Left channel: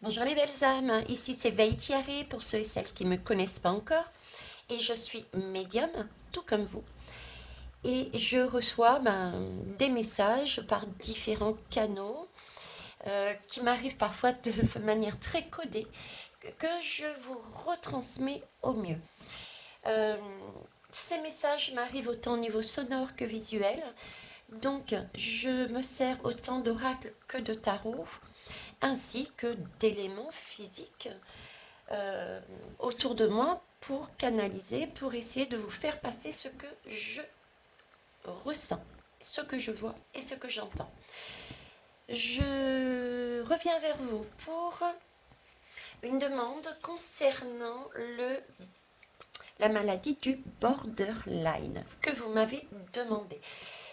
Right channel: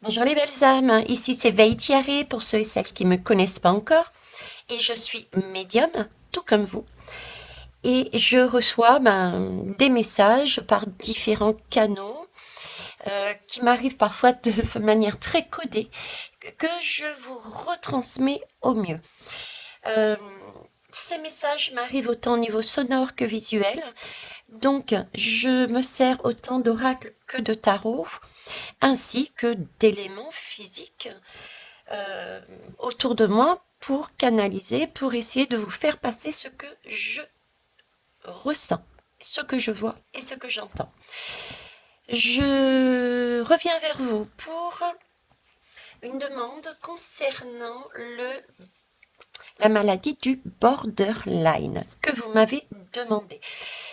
Bonjour les belles âmes, ici c'est Veitiaré pour ceux et celles qui ne me connaissent pas encore et je suis médium, tout comme vous. Et je reçois des messages par différents canaux qui m'arrivent parfois de manière très codée que je vous retransmets au mieux. Euh, Ces messages m'arrivent autant au niveau sonore que visuel, donc je me sers autant d'oracle que de tarot ainsi que d'éléments physiques euh, autour de moi pour canaliser, pour essayer de vous faire passer ce que je ressens, ce que je vois et ce que j'entends. Je reviens vers vous pour une demande concernant la maladie du borderline que vous m'avez demandé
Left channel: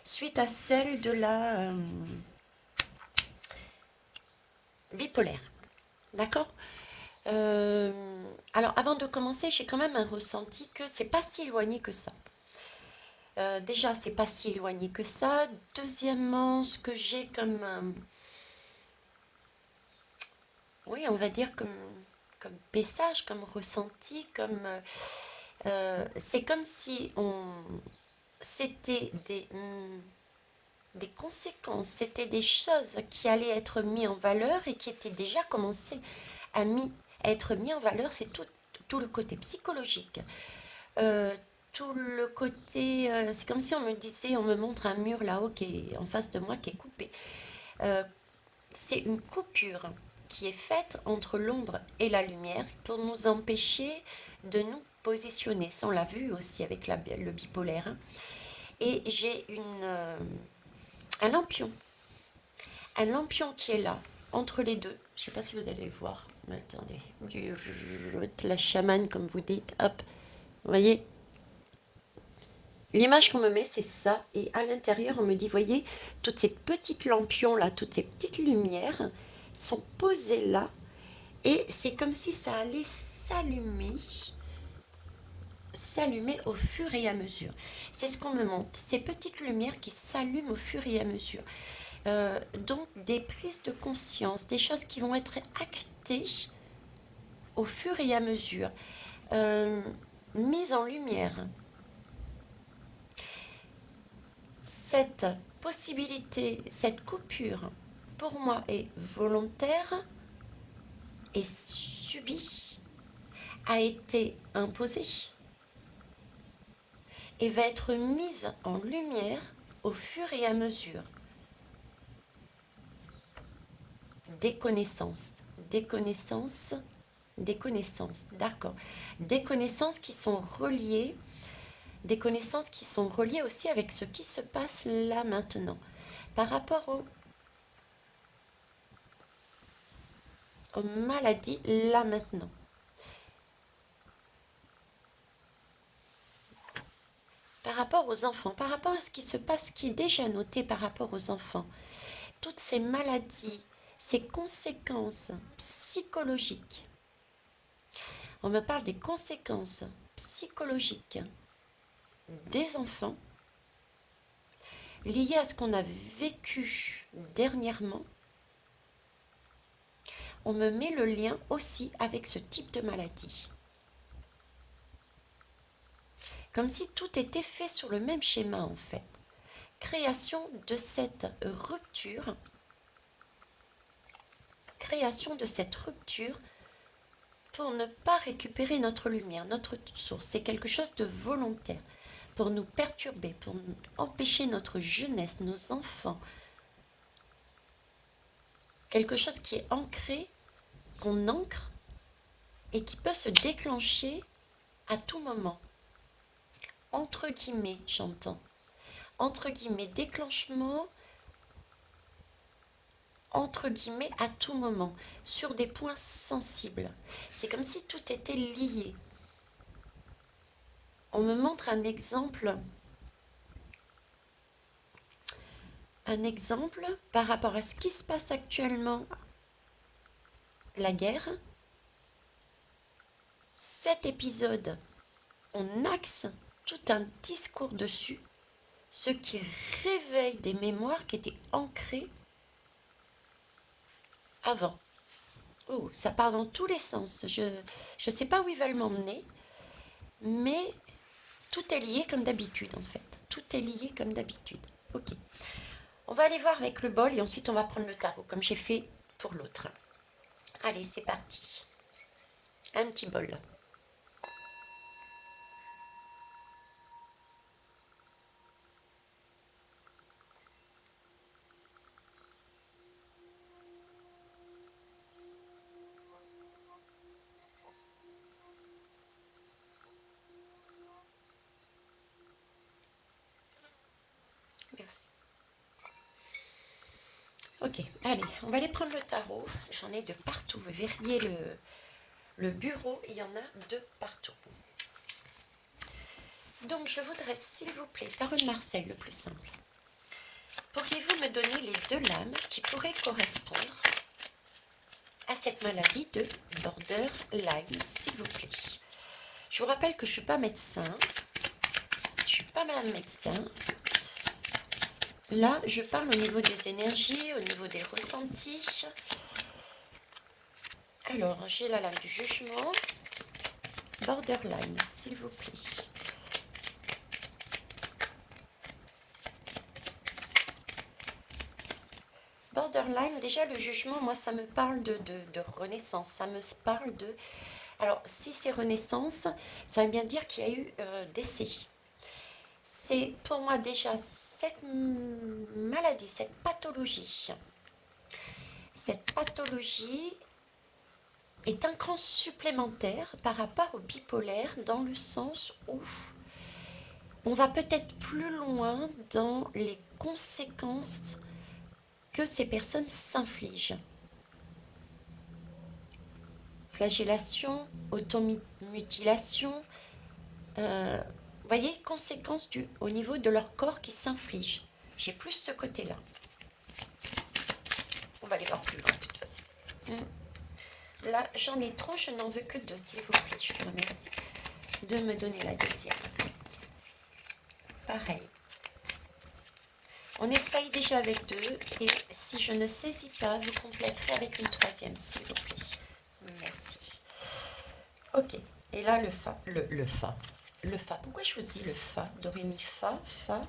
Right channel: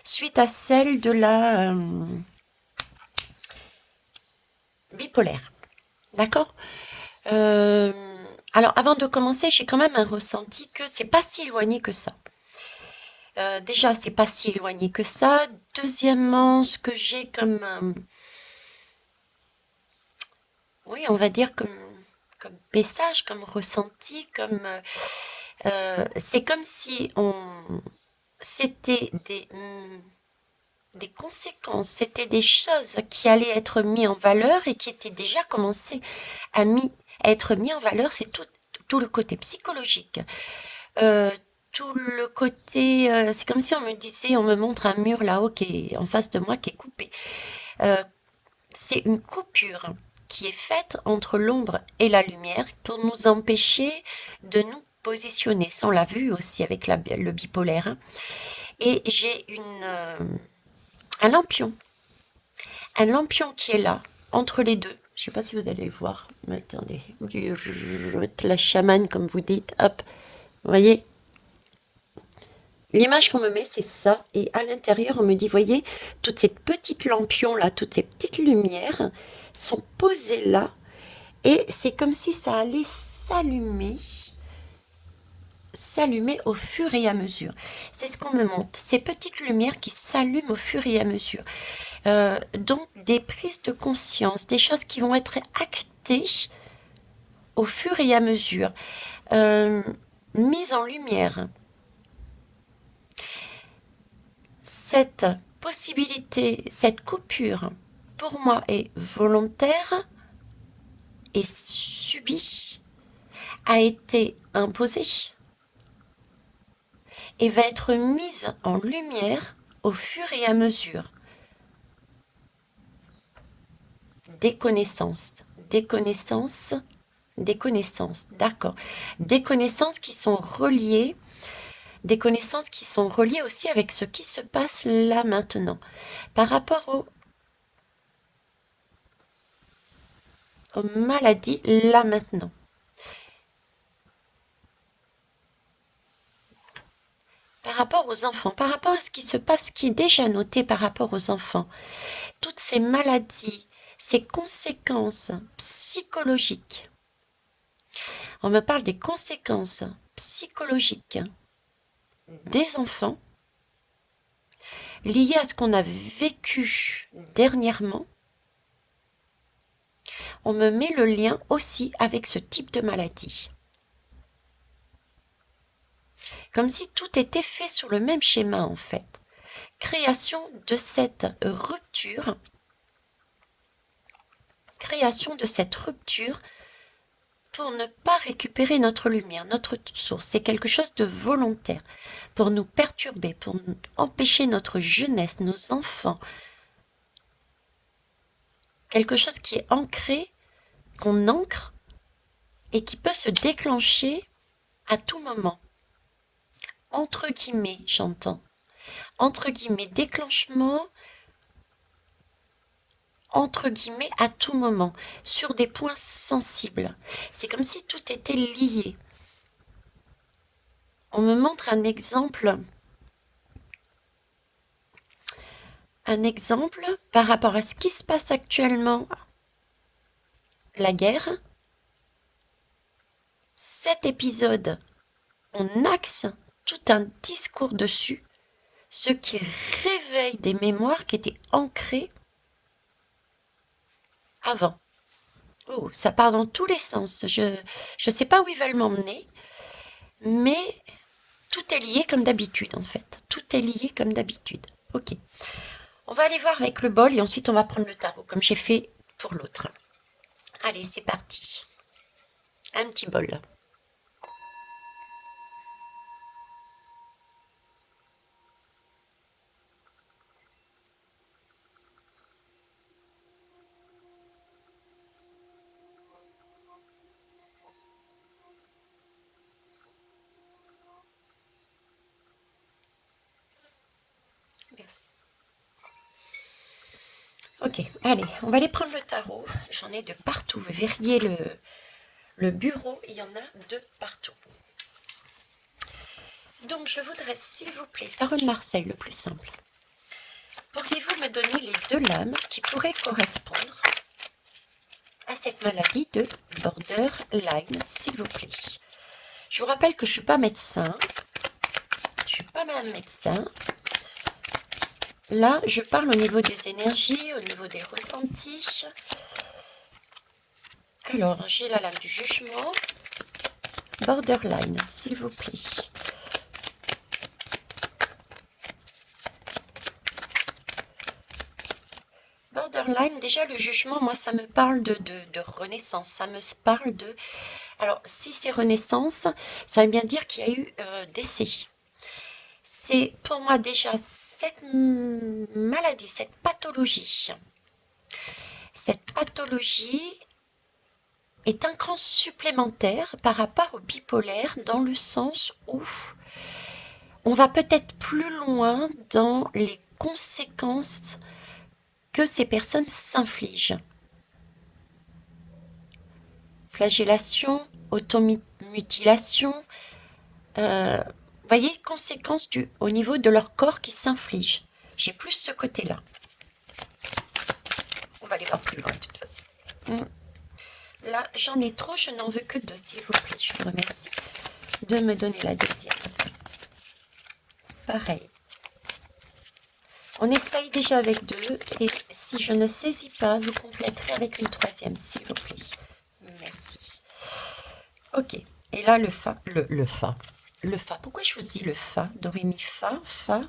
suite à celle de la bipolaire. D'accord. Euh, alors avant de commencer, j'ai quand même un ressenti que c'est pas si éloigné que ça. Déjà, c'est pas si éloigné que ça. Deuxièmement, ce que j'ai comme, oui, on va dire comme message, comme ressenti, c'est comme si c'était des conséquences, c'était des choses qui allaient être mises en valeur et qui étaient déjà commencées à être mis en valeur. C'est tout le côté psychologique. Euh, Tout le côté, c'est comme si on me disait, on me montre un mur là-haut qui est en face de moi qui est coupé. Euh, c'est une coupure qui est faite entre l'ombre et la lumière pour nous empêcher de nous positionner. Ça, on l'a vu aussi avec le bipolaire, hein. Et j'ai un lampion qui est là, entre les deux. Je ne sais pas si vous allez le voir. Mais attendez, la chamane, comme vous dites, hop, vous voyez, l'image qu'on me met, c'est ça. Et à l'intérieur, on me dit, voyez, toutes ces petites lampions là, toutes ces petites lumières sont posées là. Et c'est comme si ça allait s'allumer au fur et à mesure. C'est ce qu'on me montre, ces petites lumières qui s'allument au fur et à mesure. Donc des prises de conscience, des choses qui vont être actées au fur et à mesure, euh, mises en lumière. Cette possibilité, cette coupure, pour moi, est volontaire et subie, a été imposée et va être mise en lumière au fur et à mesure des connaissances, des connaissances, des connaissances, d'accord, des connaissances qui sont reliées, des connaissances qui sont reliées aussi avec ce qui se passe là maintenant, par rapport aux maladies là maintenant. Par rapport aux enfants, par rapport à ce qui se passe, qui est déjà noté par rapport aux enfants, toutes ces maladies, ces conséquences psychologiques. On me parle des conséquences psychologiques des enfants liées à ce qu'on a vécu dernièrement. On me met le lien aussi avec ce type de maladie. Comme si tout était fait sur le même schéma en fait. Création de cette rupture, création de cette rupture pour ne pas récupérer notre lumière, notre source. C'est quelque chose de volontaire pour nous perturber, pour empêcher notre jeunesse, nos enfants. Quelque chose qui est ancré, qu'on ancre et qui peut se déclencher à tout moment. Entre guillemets, j'entends. Entre guillemets, déclenchement, entre guillemets, à tout moment, sur des points sensibles. C'est comme si tout était lié. On me montre un exemple par rapport à ce qui se passe actuellement, la guerre. Cet épisode, on axe tout un discours dessus, ce qui réveille des mémoires qui étaient ancrées avant. Oh, ça part dans tous les sens. Je sais pas où ils veulent m'emmener, mais tout est lié comme d'habitude en fait. Tout est lié comme d'habitude. Ok. On va aller voir avec le bol et ensuite on va prendre le tarot comme j'ai fait pour l'autre. Allez, c'est parti. Un petit bol. Merci. Ok, allez, on va aller prendre le tarot. J'en ai de partout. Vous verriez le bureau, il y en a de partout. Donc je voudrais, s'il vous plaît, tarot de Marseille, le plus simple. Pourriez-vous me donner les deux lames qui pourraient correspondre à cette maladie de borderline, s'il vous plaît? Je vous rappelle que je ne suis pas médecin. Je ne suis pas madame médecin. Là, je parle au niveau des énergies, au niveau des ressentis. Alors, j'ai la lame du jugement. Borderline, s'il vous plaît. Borderline, déjà le jugement, moi ça me parle de renaissance, ça me parle de... Alors si c'est renaissance, ça veut bien dire qu'il y a eu décès. C'est pour moi déjà cette maladie, cette pathologie est un cran supplémentaire par rapport au bipolaire dans le sens où on va peut-être plus loin dans les conséquences que ces personnes s'infligent. Flagellation, automutilation, voyez, conséquences au niveau de leur corps qui s'infligent. J'ai plus ce côté-là. On va aller voir plus loin de toute façon. Là, j'en ai trop, je n'en veux que deux, s'il vous plaît. Je vous remercie de me donner la deuxième. Pareil. On essaye déjà avec deux, et si je ne saisis pas, vous compléterez avec une troisième, s'il vous plaît. Merci. Ok. Et là, le fa, le fa. Le fa. Pourquoi je vous dis le fa? Do, ré, mi, fa, fa.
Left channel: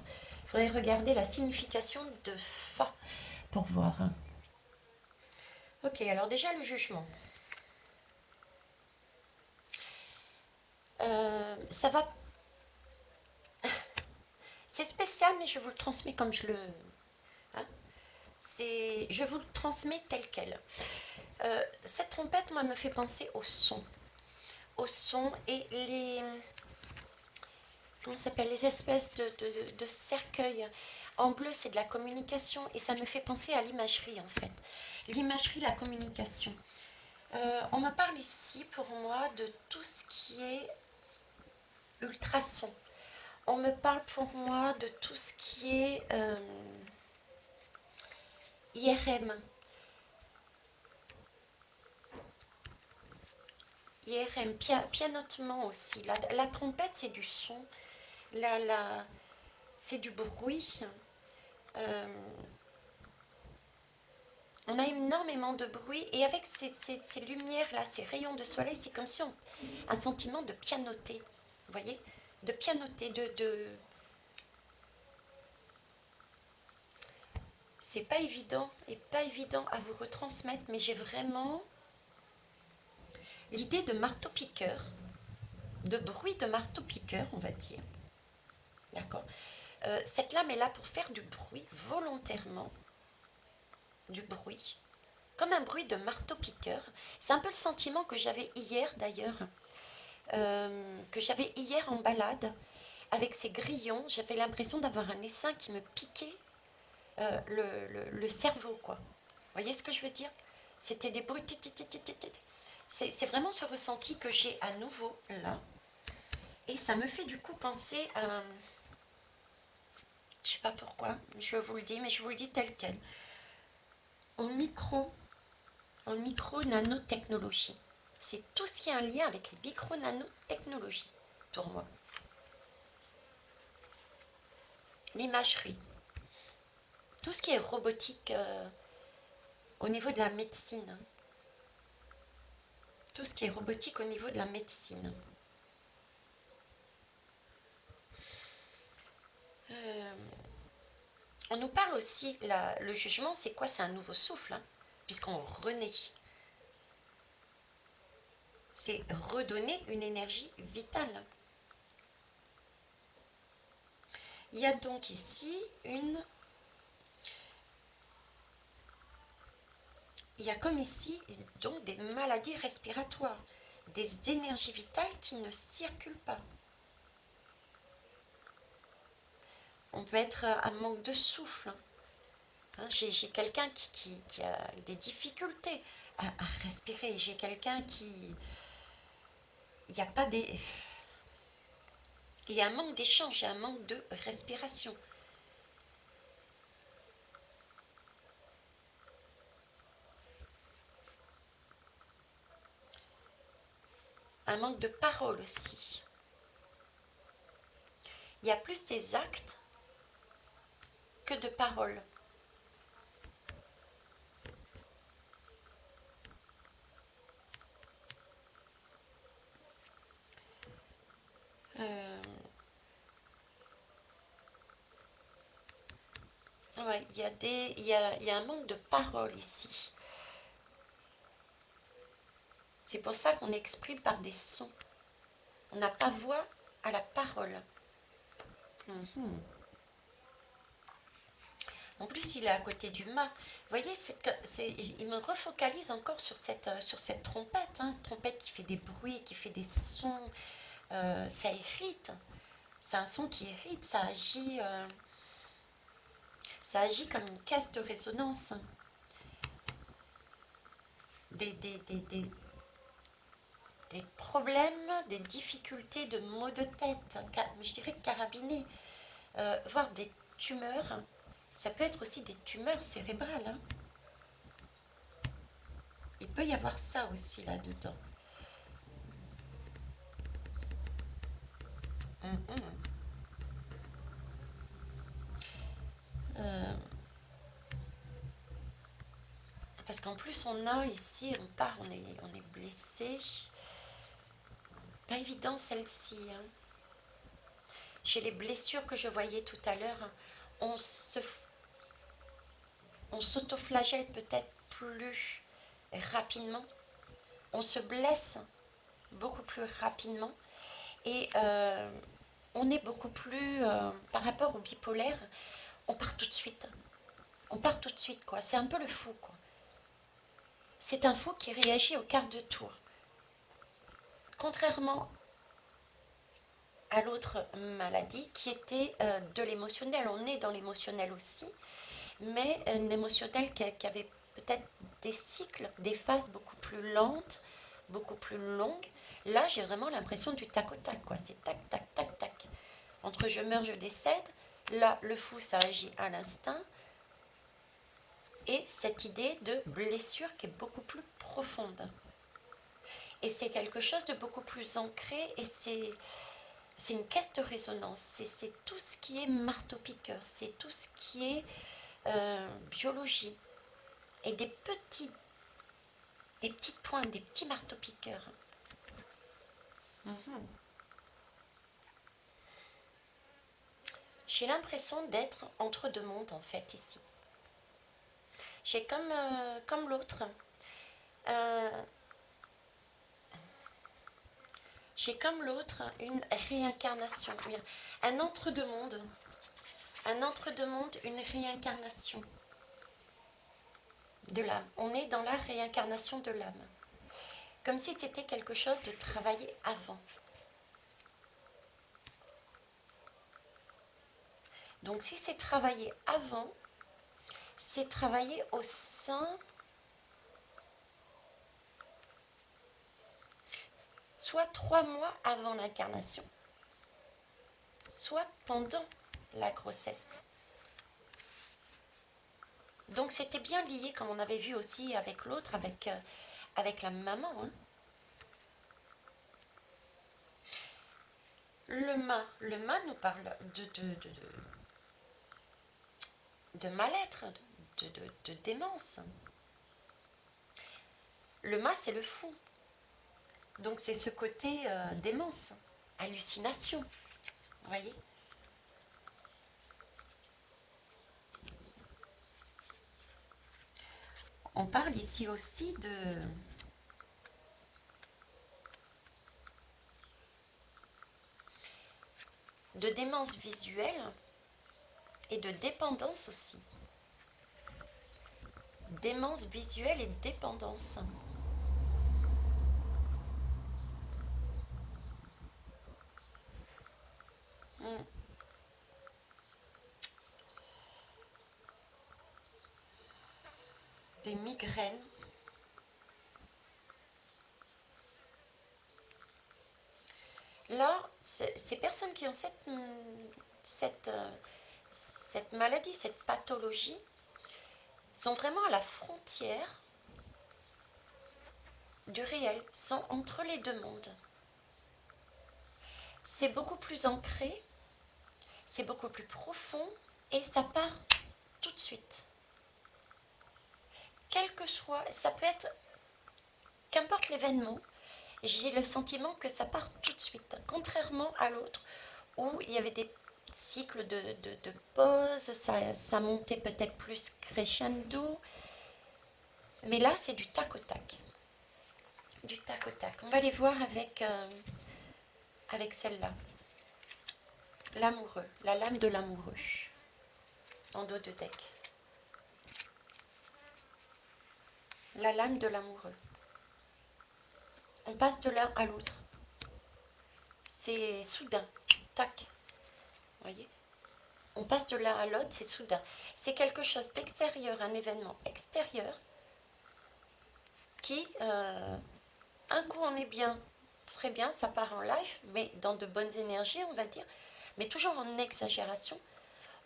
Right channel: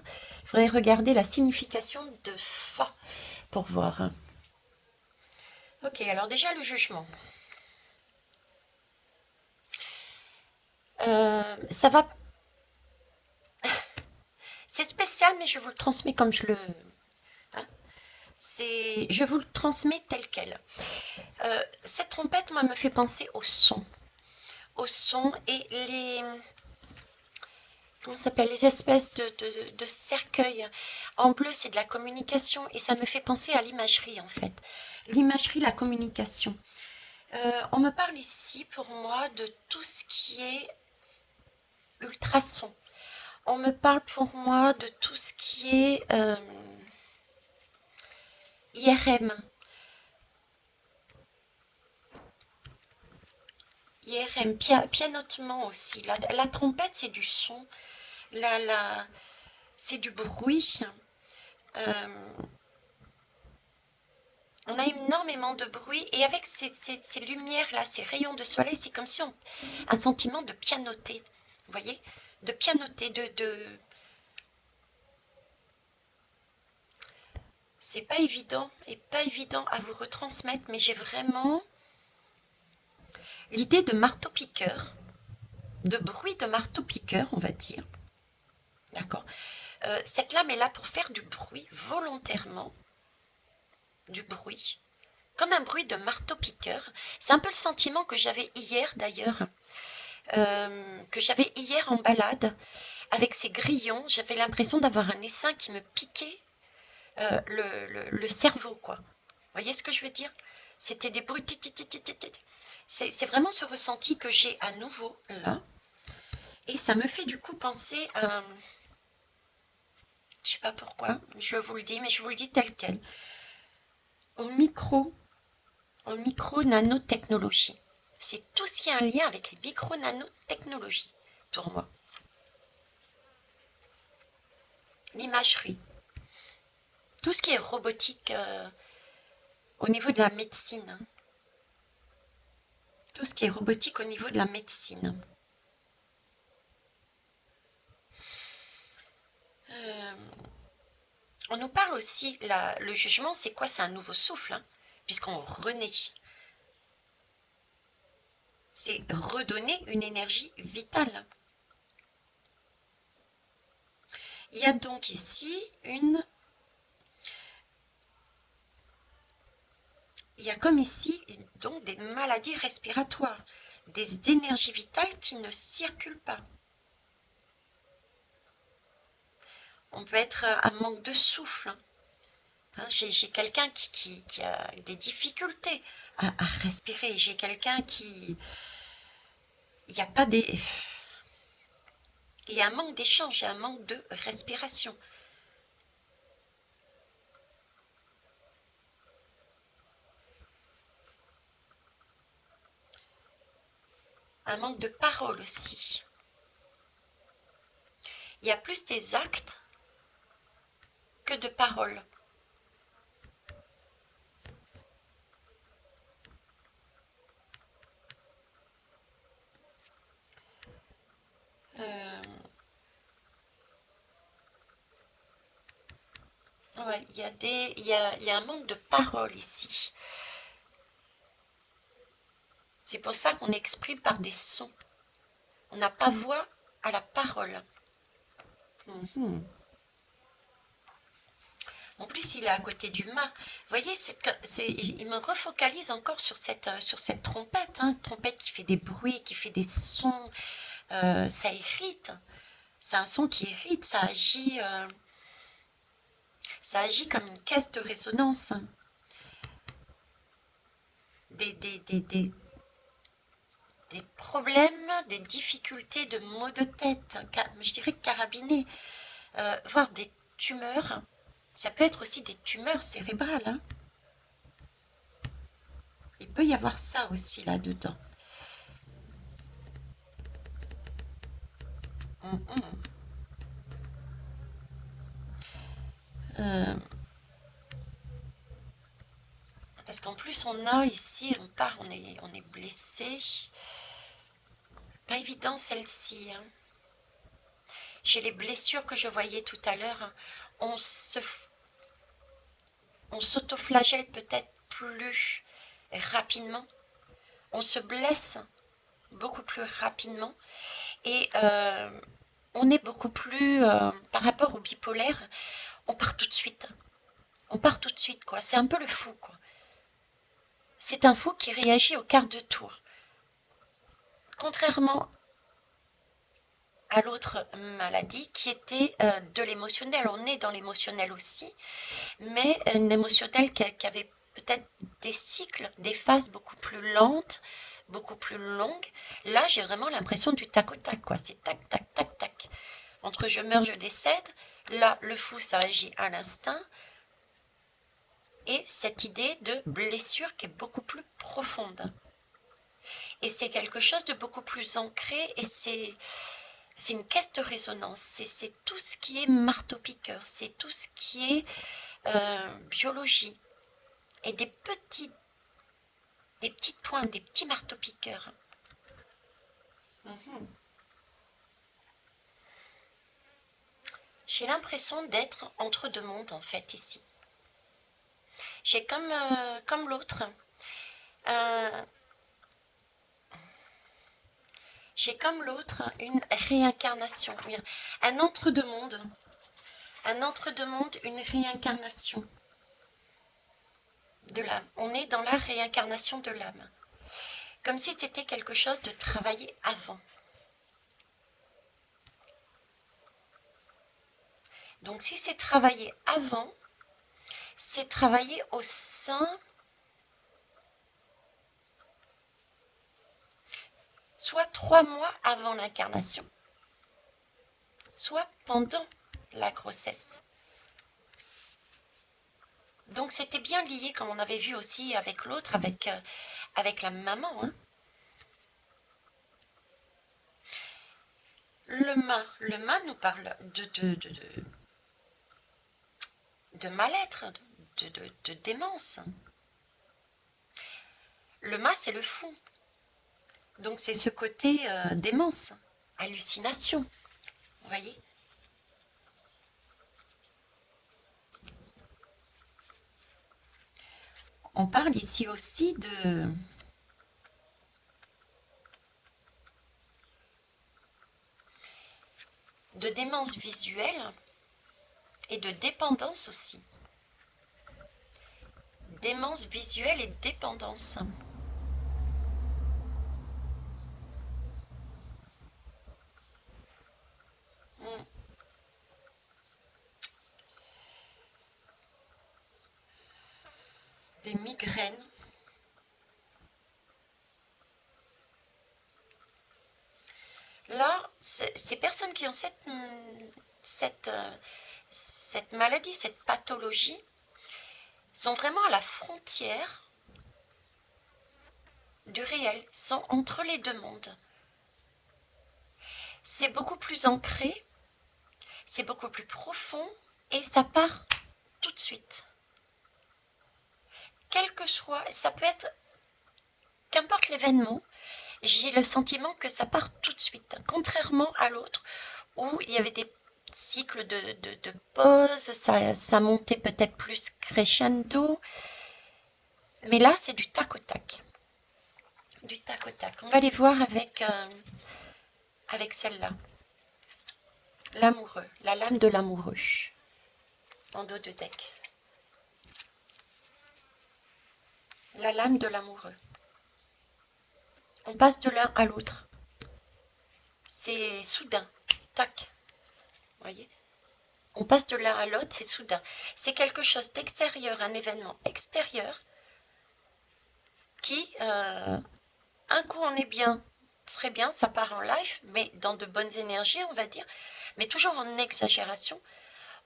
Il faudrait regarder la signification de fa pour voir. Ok, alors déjà le jugement. Ça va. C'est spécial, mais je vous le transmets comme je le. Hein, je vous le transmets tel quel. Cette trompette, moi, me fait penser au son et les. Comment ça s'appelle? Les espèces de cercueils. En bleu, c'est de la communication et ça me fait penser à l'imagerie en fait. L'imagerie, la communication. On me parle ici pour moi de tout ce qui est ultrason. On me parle pour moi de tout ce qui est IRM. IRM, pianotement aussi. La trompette, c'est du son. C'est du bruit. Euh, on a énormément de bruit et avec ces lumières-là, ces rayons de soleil, c'est comme si un sentiment de pianoter. Vous voyez? De pianoter, c'est pas évident et pas évident à vous retransmettre, mais j'ai vraiment l'idée de marteau-piqueur, de bruit de marteau-piqueur, on va dire. D'accord? Cette lame est là pour faire du bruit volontairement, du bruit, comme un bruit de marteau-piqueur. C'est un peu le sentiment que j'avais hier d'ailleurs, que j'avais hier en balade avec ces grillons. J'avais l'impression d'avoir un essaim qui me piquait le cerveau, quoi. Vous voyez ce que je veux dire? C'était des bruits. C'est vraiment ce ressenti que j'ai à nouveau là. Et ça me fait du coup penser à... Je sais pas pourquoi, je vous le dis, mais je vous le dis tel quel. Au micro, au micro-nanotechnologie. C'est tout ce qui a un lien avec les micro-nanotechnologies, pour moi. L'imagerie. Tout ce qui est robotique au niveau de la médecine. Hein. tout ce qui est robotique au niveau de la médecine. Euh, on nous parle aussi, le jugement, c'est quoi? C'est un nouveau souffle, hein, puisqu'on renaît. C'est redonner une énergie vitale. Il y a donc ici il y a comme ici donc des maladies respiratoires, des énergies vitales qui ne circulent pas. On peut être à manque de souffle. Hein, j'ai quelqu'un qui a des difficultés à respirer. J'ai quelqu'un qui... Il n'y a pas des... Il y a un manque d'échange, il y a un manque de respiration. Un manque de parole aussi. Il y a plus des actes que de paroles. Euh, ouais, il y a un manque de parole ici. C'est pour ça qu'on exprime par des sons. On n'a pas voix à la parole. Mhm. En plus, il est à côté du mât. Vous voyez, il me refocalise encore sur cette trompette, hein, trompette qui fait des bruits, qui fait des sons. Ça irrite. C'est un son qui irrite. Ça agit comme une caisse de résonance. Des, des, des, des, des problèmes, des difficultés de maux de tête, je dirais carabinés, voire des tumeurs. Ça peut être aussi des tumeurs cérébrales, hein. Il peut y avoir ça aussi là-dedans. Mhm. Euh, parce qu'en plus, on a ici, on est blessé. Pas évident celle-ci, hein. Chez les blessures que je voyais tout à l'heure, on se, on s'autoflagelle peut-être plus rapidement. On se blesse beaucoup plus rapidement et on est beaucoup plus, par rapport au bipolaire, on part tout de suite. On part tout de suite, quoi. C'est un peu le fou, quoi. C'est un fou qui réagit au quart de tour. Contrairement à l'autre maladie qui était de l'émotionnel. On est dans l'émotionnel aussi, mais un émotionnel qui avait peut-être des cycles, des phases beaucoup plus lentes, beaucoup plus longues. Là, j'ai vraiment l'impression du tac au tac, quoi. C'est tac, tac, tac, tac. Entre je meurs, je décède. Là, le fou, ça agit à l'instinct. Et cette idée de blessure qui est beaucoup plus profonde. Et c'est quelque chose de beaucoup plus ancré et c'est une caisse de résonance. C'est tout ce qui est marteau-piqueur. C'est tout ce qui est biologie. Et des petites pointes, des petits marteaux-piqueurs. Mhm. J'ai l'impression d'être entre deux mondes en fait ici. J'ai comme l'autre. euh, j'ai comme l'autre une réincarnation, un entre-deux-mondes. Un entre-deux-mondes, une réincarnation de l'âme. On est dans la réincarnation de l'âme. Comme si c'était quelque chose de travaillé avant. Donc si c'est travaillé avant, c'est travaillé au sein, soit 3 mois avant l'incarnation, soit pendant la grossesse. Donc c'était bien lié, comme on avait vu aussi avec l'autre, avec la maman, hein. Le mât nous parle de mal-être, de démence. Le mât, c'est le fou. Donc c'est ce côté démence, hallucination, vous voyez? On parle ici aussi de démence visuelle et de dépendance aussi. Démence visuelle et dépendance. Hmm. Des migraines. Là, ces personnes qui ont cette, cette maladie, cette pathologie, sont vraiment à la frontière du réel, sont entre les deux mondes. C'est beaucoup plus ancré, c'est beaucoup plus profond et ça part tout de suite. Quel que soit, ça peut être, qu'importe l'événement, j'ai le sentiment que ça part tout de suite, contrairement à l'autre où il y avait des cycles de pause, ça montait peut-être plus crescendo, mais là c'est du tac au tac. Du tac au tac. On va aller voir avec celle-là. L'amoureux, la lame de l'amoureux, en dos de deck. La lame de l'amoureux. On passe de l'un à l'autre. C'est soudain. Tac. Voyez? On passe de l'un à l'autre, c'est soudain. C'est quelque chose d'extérieur, un événement extérieur qui, un coup on est bien, très bien, ça part en live, mais dans de bonnes énergies, on va dire, mais toujours en exagération.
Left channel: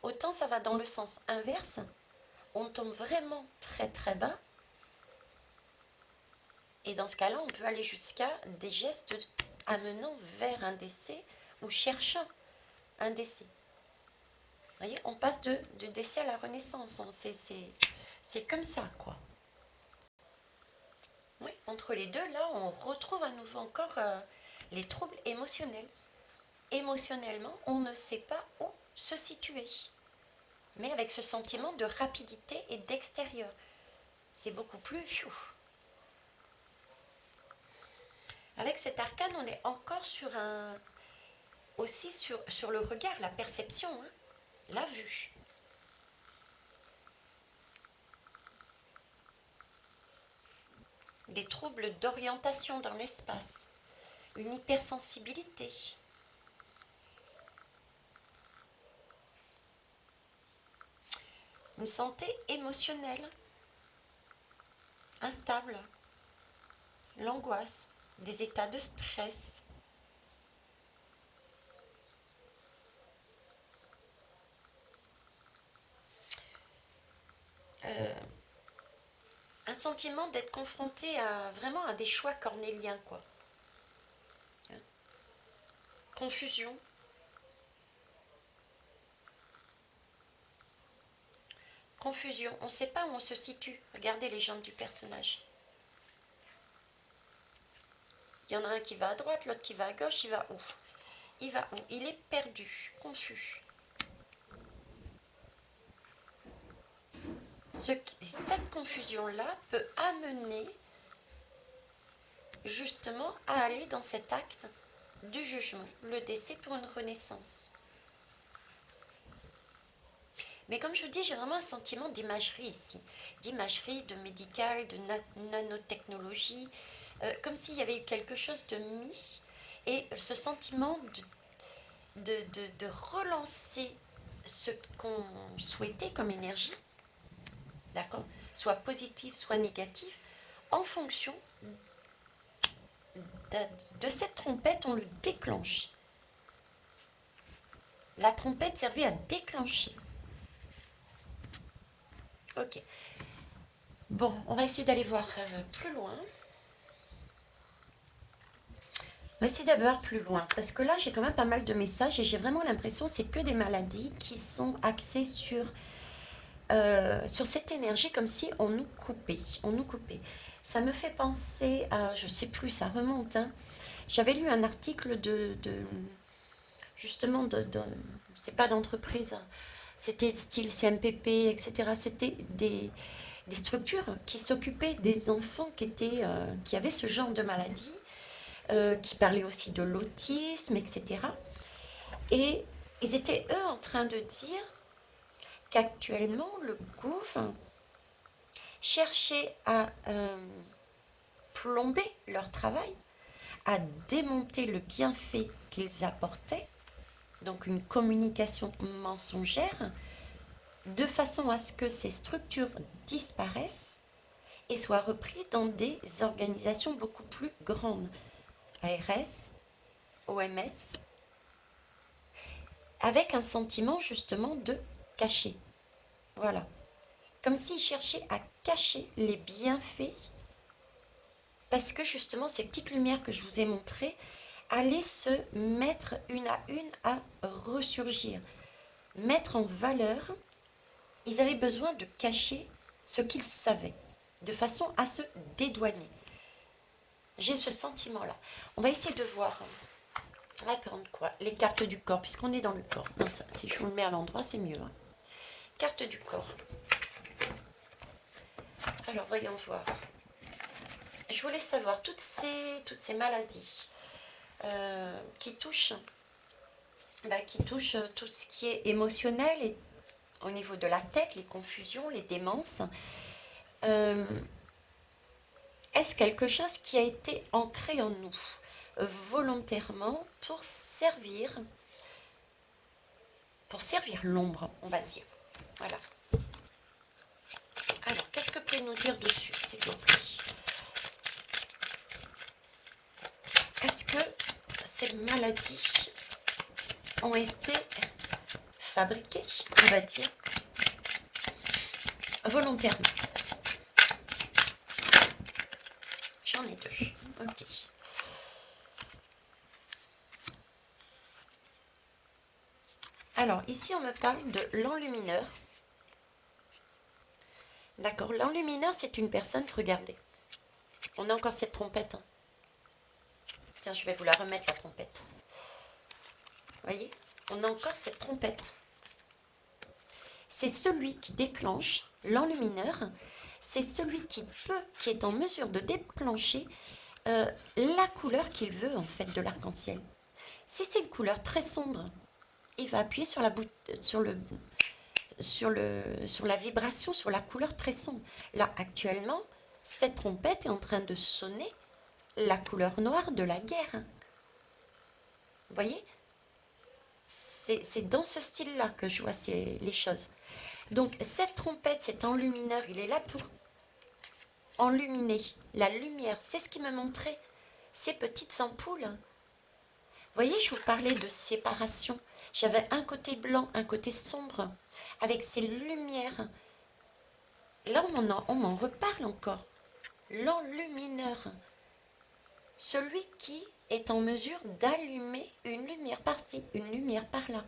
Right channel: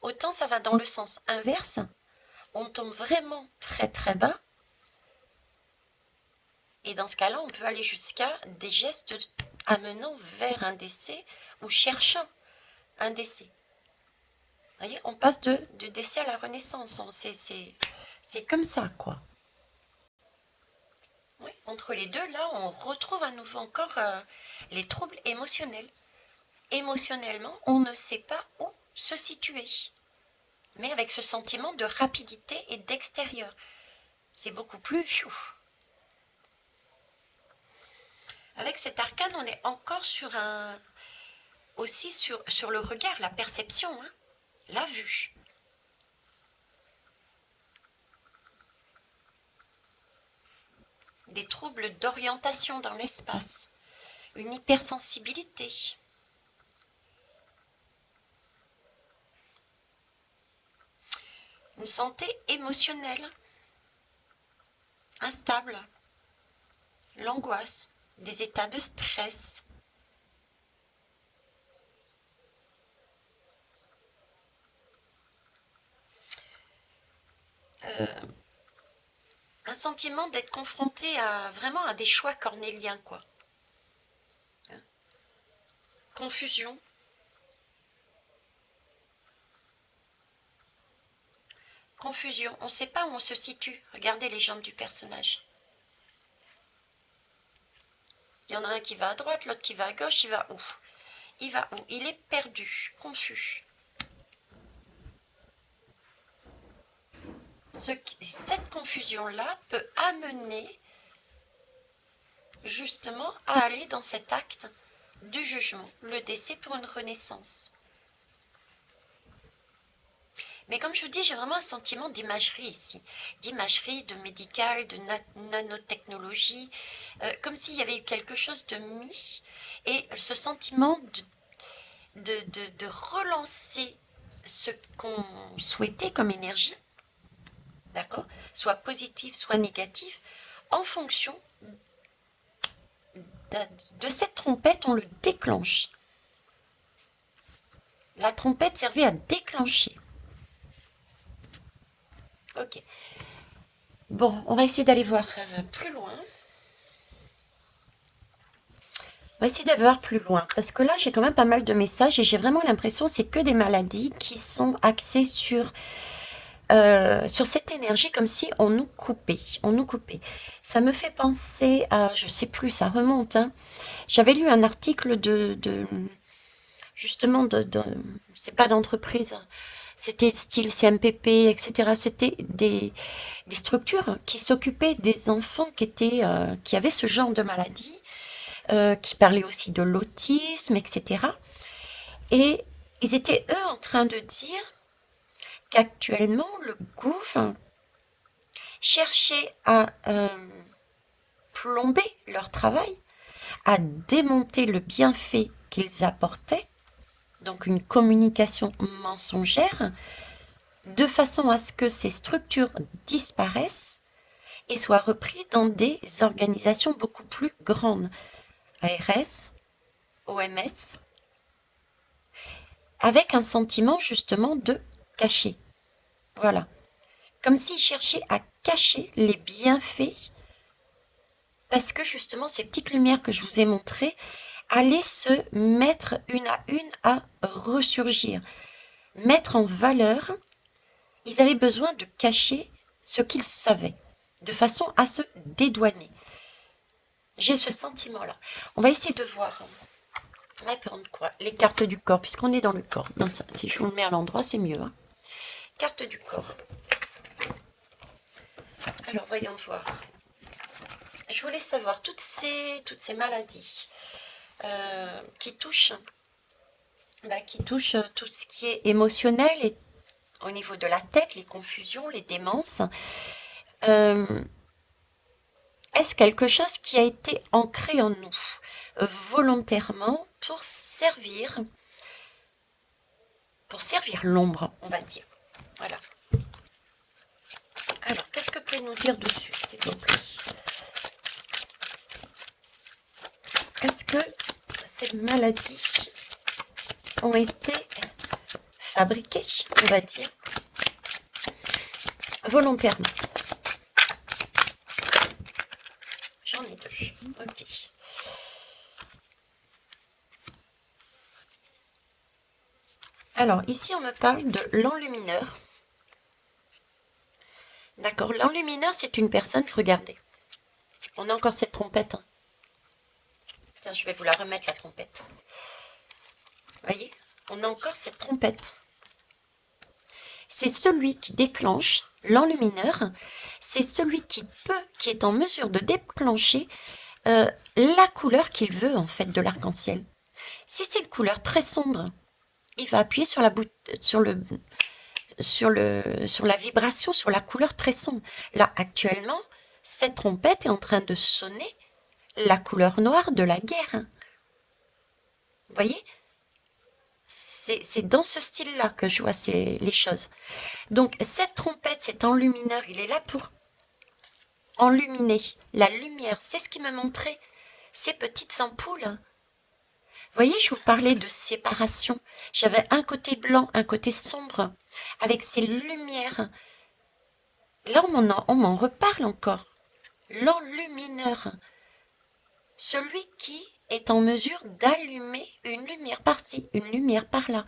Autant ça va dans le sens inverse, on tombe vraiment très très bas, et dans ce cas-là, on peut aller jusqu'à des gestes amenant vers un décès ou cherchant un décès. Vous voyez, on passe de décès à la renaissance, c'est comme ça, quoi. Ouais, entre les deux, là, on retrouve à nouveau encore les troubles émotionnels. Émotionnellement, on ne sait pas où se situer, mais avec ce sentiment de rapidité et d'extérieur. C'est beaucoup plus... Avec cet arcane, on est encore sur aussi sur le regard, la perception, hein, la vue. Des troubles d'orientation dans l'espace, une hypersensibilité. Une santé émotionnelle instable, l'angoisse, des états de stress. Un sentiment d'être confronté à vraiment à des choix cornéliens, quoi. Hein. Confusion. Confusion. On ne sait pas où on se situe. Regardez les jambes du personnage. Il y en a un qui va à droite, l'autre qui va à gauche, il va où? Il va où? Il est perdu, confus. Cette confusion-là peut amener justement à aller dans cet acte du jugement, le décès pour une renaissance. Mais comme je vous dis, j'ai vraiment un sentiment d'imagerie ici, d'imagerie, de médical, de nanotechnologie, comme s'il y avait eu quelque chose de mis, et ce sentiment de relancer ce qu'on souhaitait comme énergie, d'accord, soit positif, soit négatif, en fonction de cette trompette, on le déclenche. La trompette servait à déclencher. Ok. Bon, on va essayer d'aller voir plus loin. On va essayer d'aller voir plus loin. Parce que là, j'ai quand même pas mal de messages et j'ai vraiment l'impression que c'est que des maladies qui sont axées sur cette énergie comme si on nous coupait. On nous coupait. Ça me fait penser à, je sais plus, ça remonte, hein. J'avais lu un article justement, c'est pas d'entreprise, c'était style CMPP, etc. C'était des structures qui s'occupaient des enfants qui avaient ce genre de maladie, qui parlaient aussi de l'autisme, etc. Et ils étaient, eux, en train de dire qu'actuellement, le gouvernement cherchait à plomber leur travail, à démonter le bienfait qu'ils apportaient, donc une communication mensongère, de façon à ce que ces structures disparaissent et soient reprises dans des organisations beaucoup plus grandes, ARS, OMS, avec un sentiment justement de cacher. Voilà. Comme s'ils cherchaient à cacher les bienfaits, parce que justement ces petites lumières que je vous ai montrées allaient se mettre une à ressurgir, mettre en valeur. Ils avaient besoin de cacher ce qu'ils savaient, de façon à se dédouaner. J'ai ce sentiment-là. On va essayer de voir. On va prendre quoi? Les cartes du corps, puisqu'on est dans le corps. Non, ça, si je vous le mets à l'endroit, c'est mieux, hein. Carte du corps. Alors, voyons voir. Je voulais savoir toutes ces maladies qui touchent tout ce qui est émotionnel et au niveau de la tête, les confusions, les démences. Euh, Est-ce quelque chose qui a été ancré en nous volontairement pour servir l'ombre, on va dire. Voilà. Alors, qu'est-ce que vous pouvez nous dire dessus, s'il vous plaît? Est-ce que ces maladies ont été fabriquées, on va dire, volontairement? J'en ai deux. Ok. Alors, ici, on me parle de l'enlumineur. D'accord, l'enlumineur, c'est une personne, regardez. On a encore cette trompette, hein. Tiens, je vais vous la remettre, la trompette. Voyez, on a encore cette trompette. C'est celui qui déclenche, l'enlumineur, c'est celui qui est en mesure de déclencher la couleur qu'il veut, en fait, de l'arc-en-ciel. Si c'est une couleur très sombre, il va appuyer sur la vibration, sur la couleur très sombre. Là, actuellement, cette trompette est en train de sonner la couleur noire de la guerre. Vous voyez? C'est dans ce style-là que je vois les choses. Donc, cette trompette, cet enlumineur, il est là pour enluminer la lumière. C'est ce qui me montrait ces petites ampoules. Vous voyez, je vous parlais de séparation. J'avais un côté blanc, un côté sombre, avec ces lumières. Là, on m'en reparle encore. L'enlumineur. Celui qui est en mesure d'allumer une lumière par-ci, une lumière par-là.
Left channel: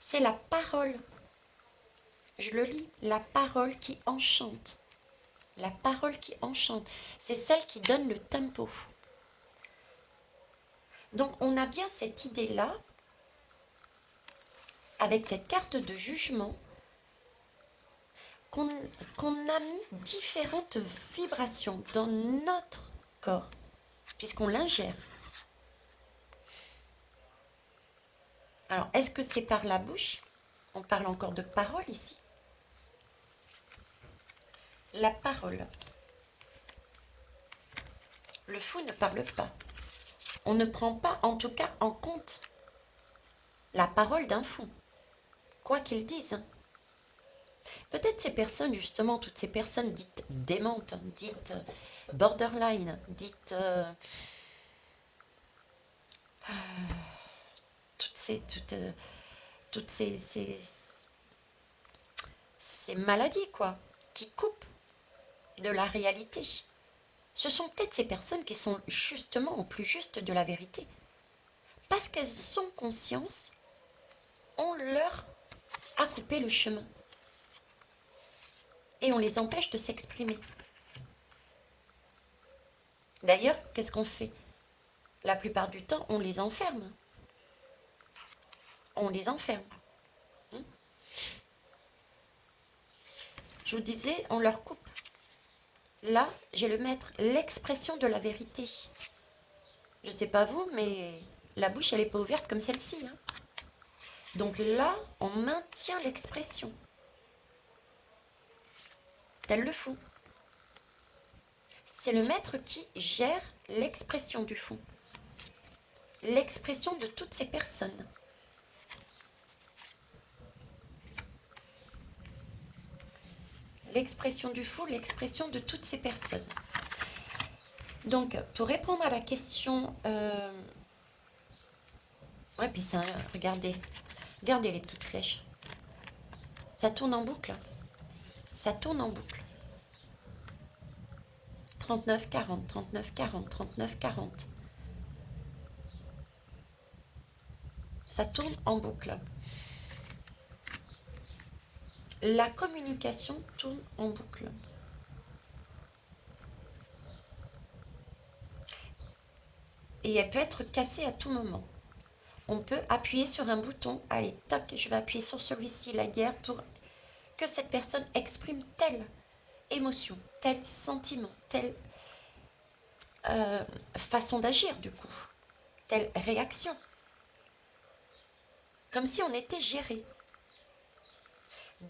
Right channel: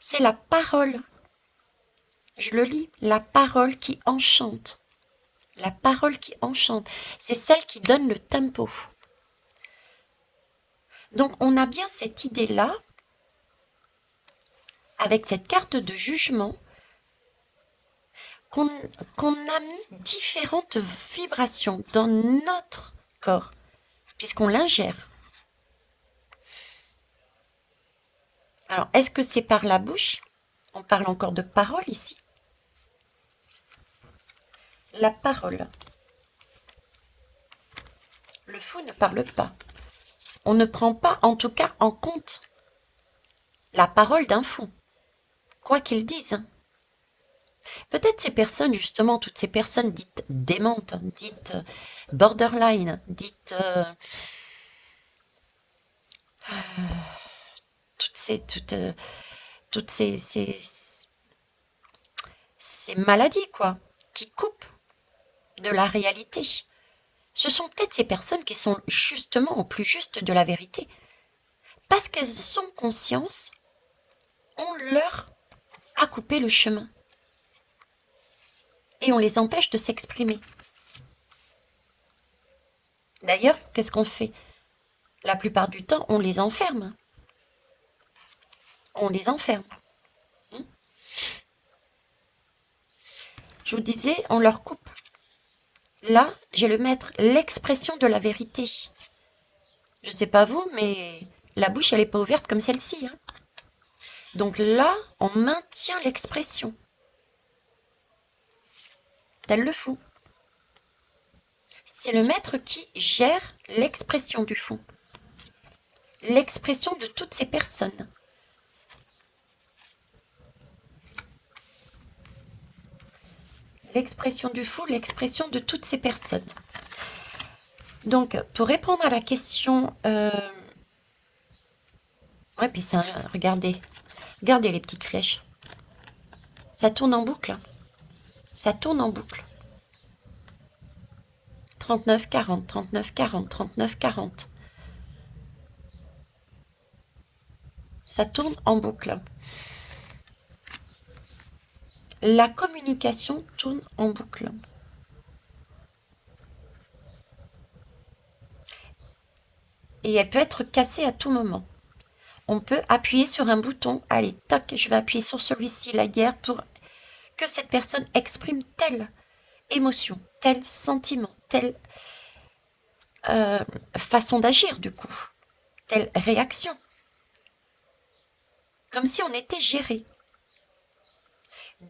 C'est la parole. Je le lis, la parole qui enchante. La parole qui enchante. C'est celle qui donne le tempo. Donc on a bien cette idée-là, avec cette carte de jugement, qu'on a mis différentes vibrations dans notre corps, puisqu'on l'ingère. Alors, est-ce que c'est par la bouche? On parle encore de parole ici. La parole. Le fou ne parle pas. On ne prend pas, en tout cas, en compte la parole d'un fou, quoi qu'il dise. Peut-être ces personnes, justement, toutes ces personnes dites démentes, dites borderline, dites toutes ces, toutes, toutes ces maladies, quoi, qui coupent de la réalité. Ce sont peut-être ces personnes qui sont justement au plus juste de la vérité. Parce qu'elles ont conscience, on leur a coupé le chemin. Et on les empêche de s'exprimer. D'ailleurs, qu'est-ce qu'on fait? La plupart du temps, on les enferme. On les enferme. Hmm. Je vous disais, on leur coupe. Là, j'ai le maître, l'expression de la vérité. Je sais pas vous, mais la bouche, elle est pas ouverte comme celle-ci, hein. Donc là, on maintient l'expression, tel le fou. C'est le maître qui gère l'expression du fou, l'expression de toutes ces personnes. L'expression du fou, l'expression de toutes ces personnes. Donc, pour répondre à la question, ouais, puis ça, regardez, regardez les petites flèches. Ça tourne en boucle. Ça tourne en boucle. 39, 40, 39, 40, 39, 40. Ça tourne en boucle. La communication tourne en boucle. Et elle peut être cassée à tout moment. On peut appuyer sur un bouton. Allez, tac, je vais appuyer sur celui-ci, la guerre, pour que cette personne exprime telle émotion, tel sentiment, telle façon d'agir du coup, telle réaction. Comme si on était géré.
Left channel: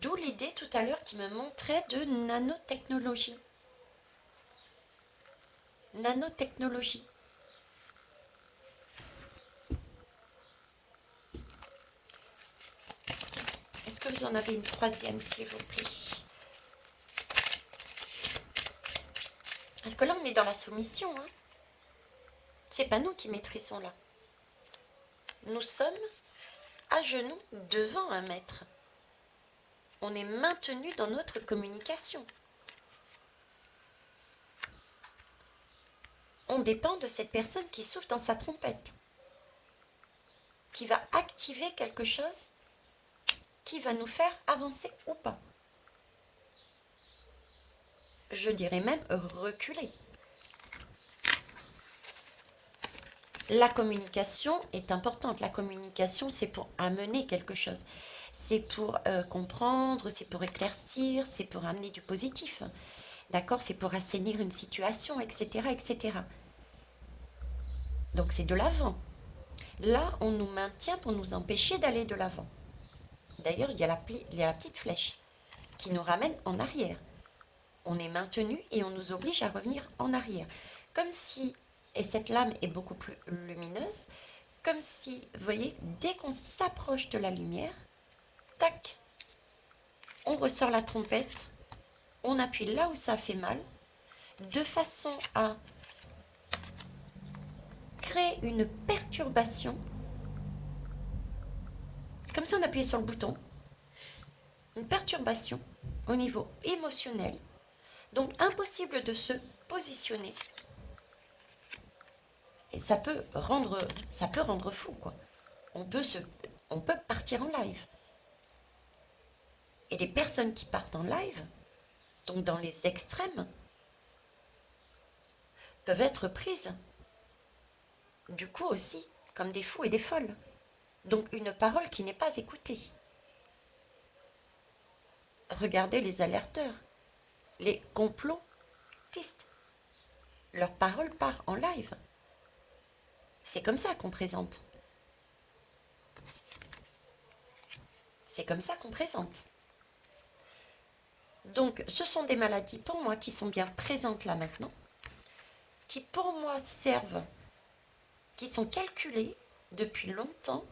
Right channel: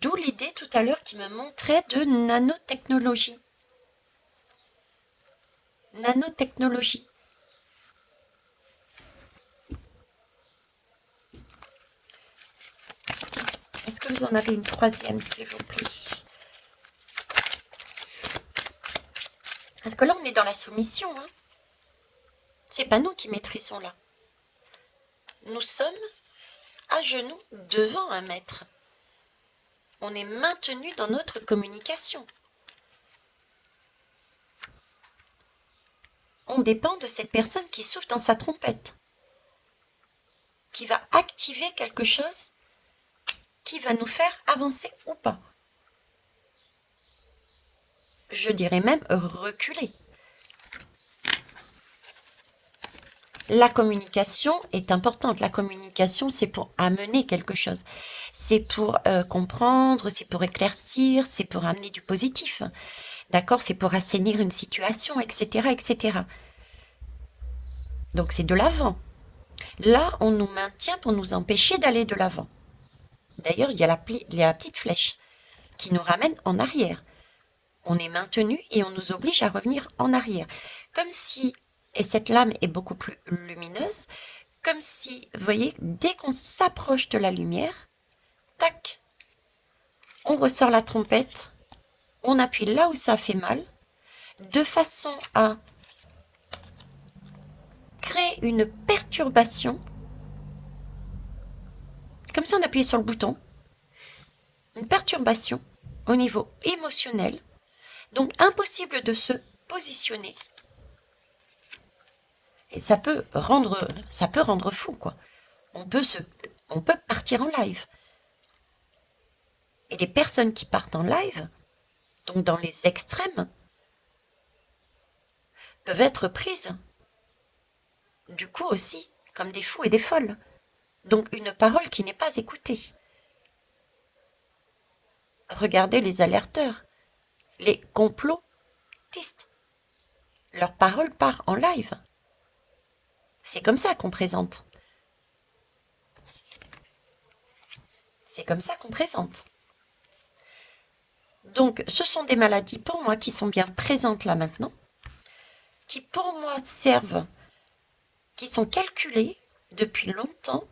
D'où l'idée tout à l'heure qui me montrait de nanotechnologie. Nanotechnologie. Est-ce que vous en avez une troisième, s'il vous plaît? Parce que là, on est dans la soumission, hein. C'est pas nous qui maîtrisons là. Nous sommes à genoux devant un maître. On est maintenu dans notre communication. On dépend de cette personne qui souffle dans sa trompette, qui va activer quelque chose qui va nous faire avancer ou pas. Je dirais même reculer. La communication est importante. La communication, c'est pour amener quelque chose. C'est pour comprendre, c'est pour éclaircir, c'est pour amener du positif. D'accord? C'est pour assainir une situation, etc., etc. Donc c'est de l'avant. Là, on nous maintient pour nous empêcher d'aller de l'avant. D'ailleurs, il y a la petite flèche qui nous ramène en arrière. On est maintenu et on nous oblige à revenir en arrière. Comme si, et cette lame est beaucoup plus lumineuse, comme si, vous voyez, dès qu'on s'approche de la lumière, tac, on ressort la trompette, on appuie là où ça fait mal, de façon à créer une perturbation, comme si on appuyait sur le bouton, une perturbation au niveau émotionnel, donc impossible de se positionner. Et ça peut rendre fou, quoi. On peut partir en live. Et les personnes qui partent en live, donc dans les extrêmes, peuvent être prises, du coup aussi, comme des fous et des folles. Donc une parole qui n'est pas écoutée. Regardez les alerteurs, les complotistes. Leur parole part en live. C'est comme ça qu'on présente. C'est comme ça qu'on présente. Donc, ce sont des maladies pour moi qui sont bien présentes là maintenant, qui pour moi servent, qui sont calculées depuis longtemps,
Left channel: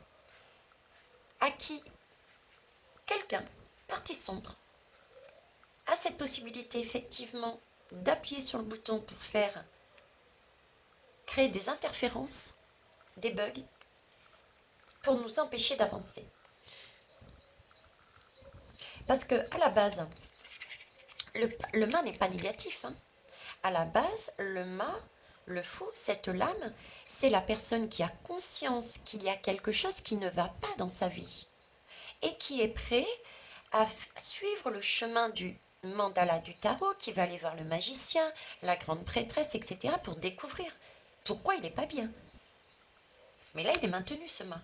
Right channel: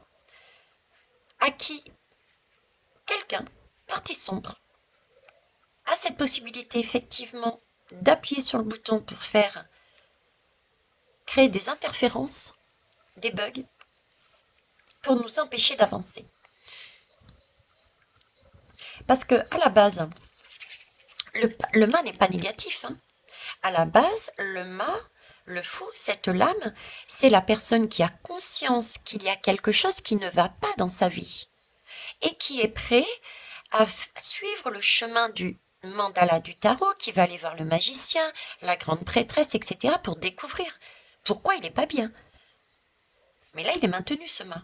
à qui quelqu'un, partie sombre, a cette possibilité effectivement d'appuyer sur le bouton pour faire créer des interférences, des bugs, pour nous empêcher d'avancer. Parce que à la base, le mât n'est pas négatif, hein. À la base, le mât, le fou, cette lame, c'est la personne qui a conscience qu'il y a quelque chose qui ne va pas dans sa vie et qui est prêt à suivre le chemin du mandala du tarot qui va aller voir le magicien, la grande prêtresse, etc. pour découvrir pourquoi il n'est pas bien. Mais là, il est maintenu, ce mât.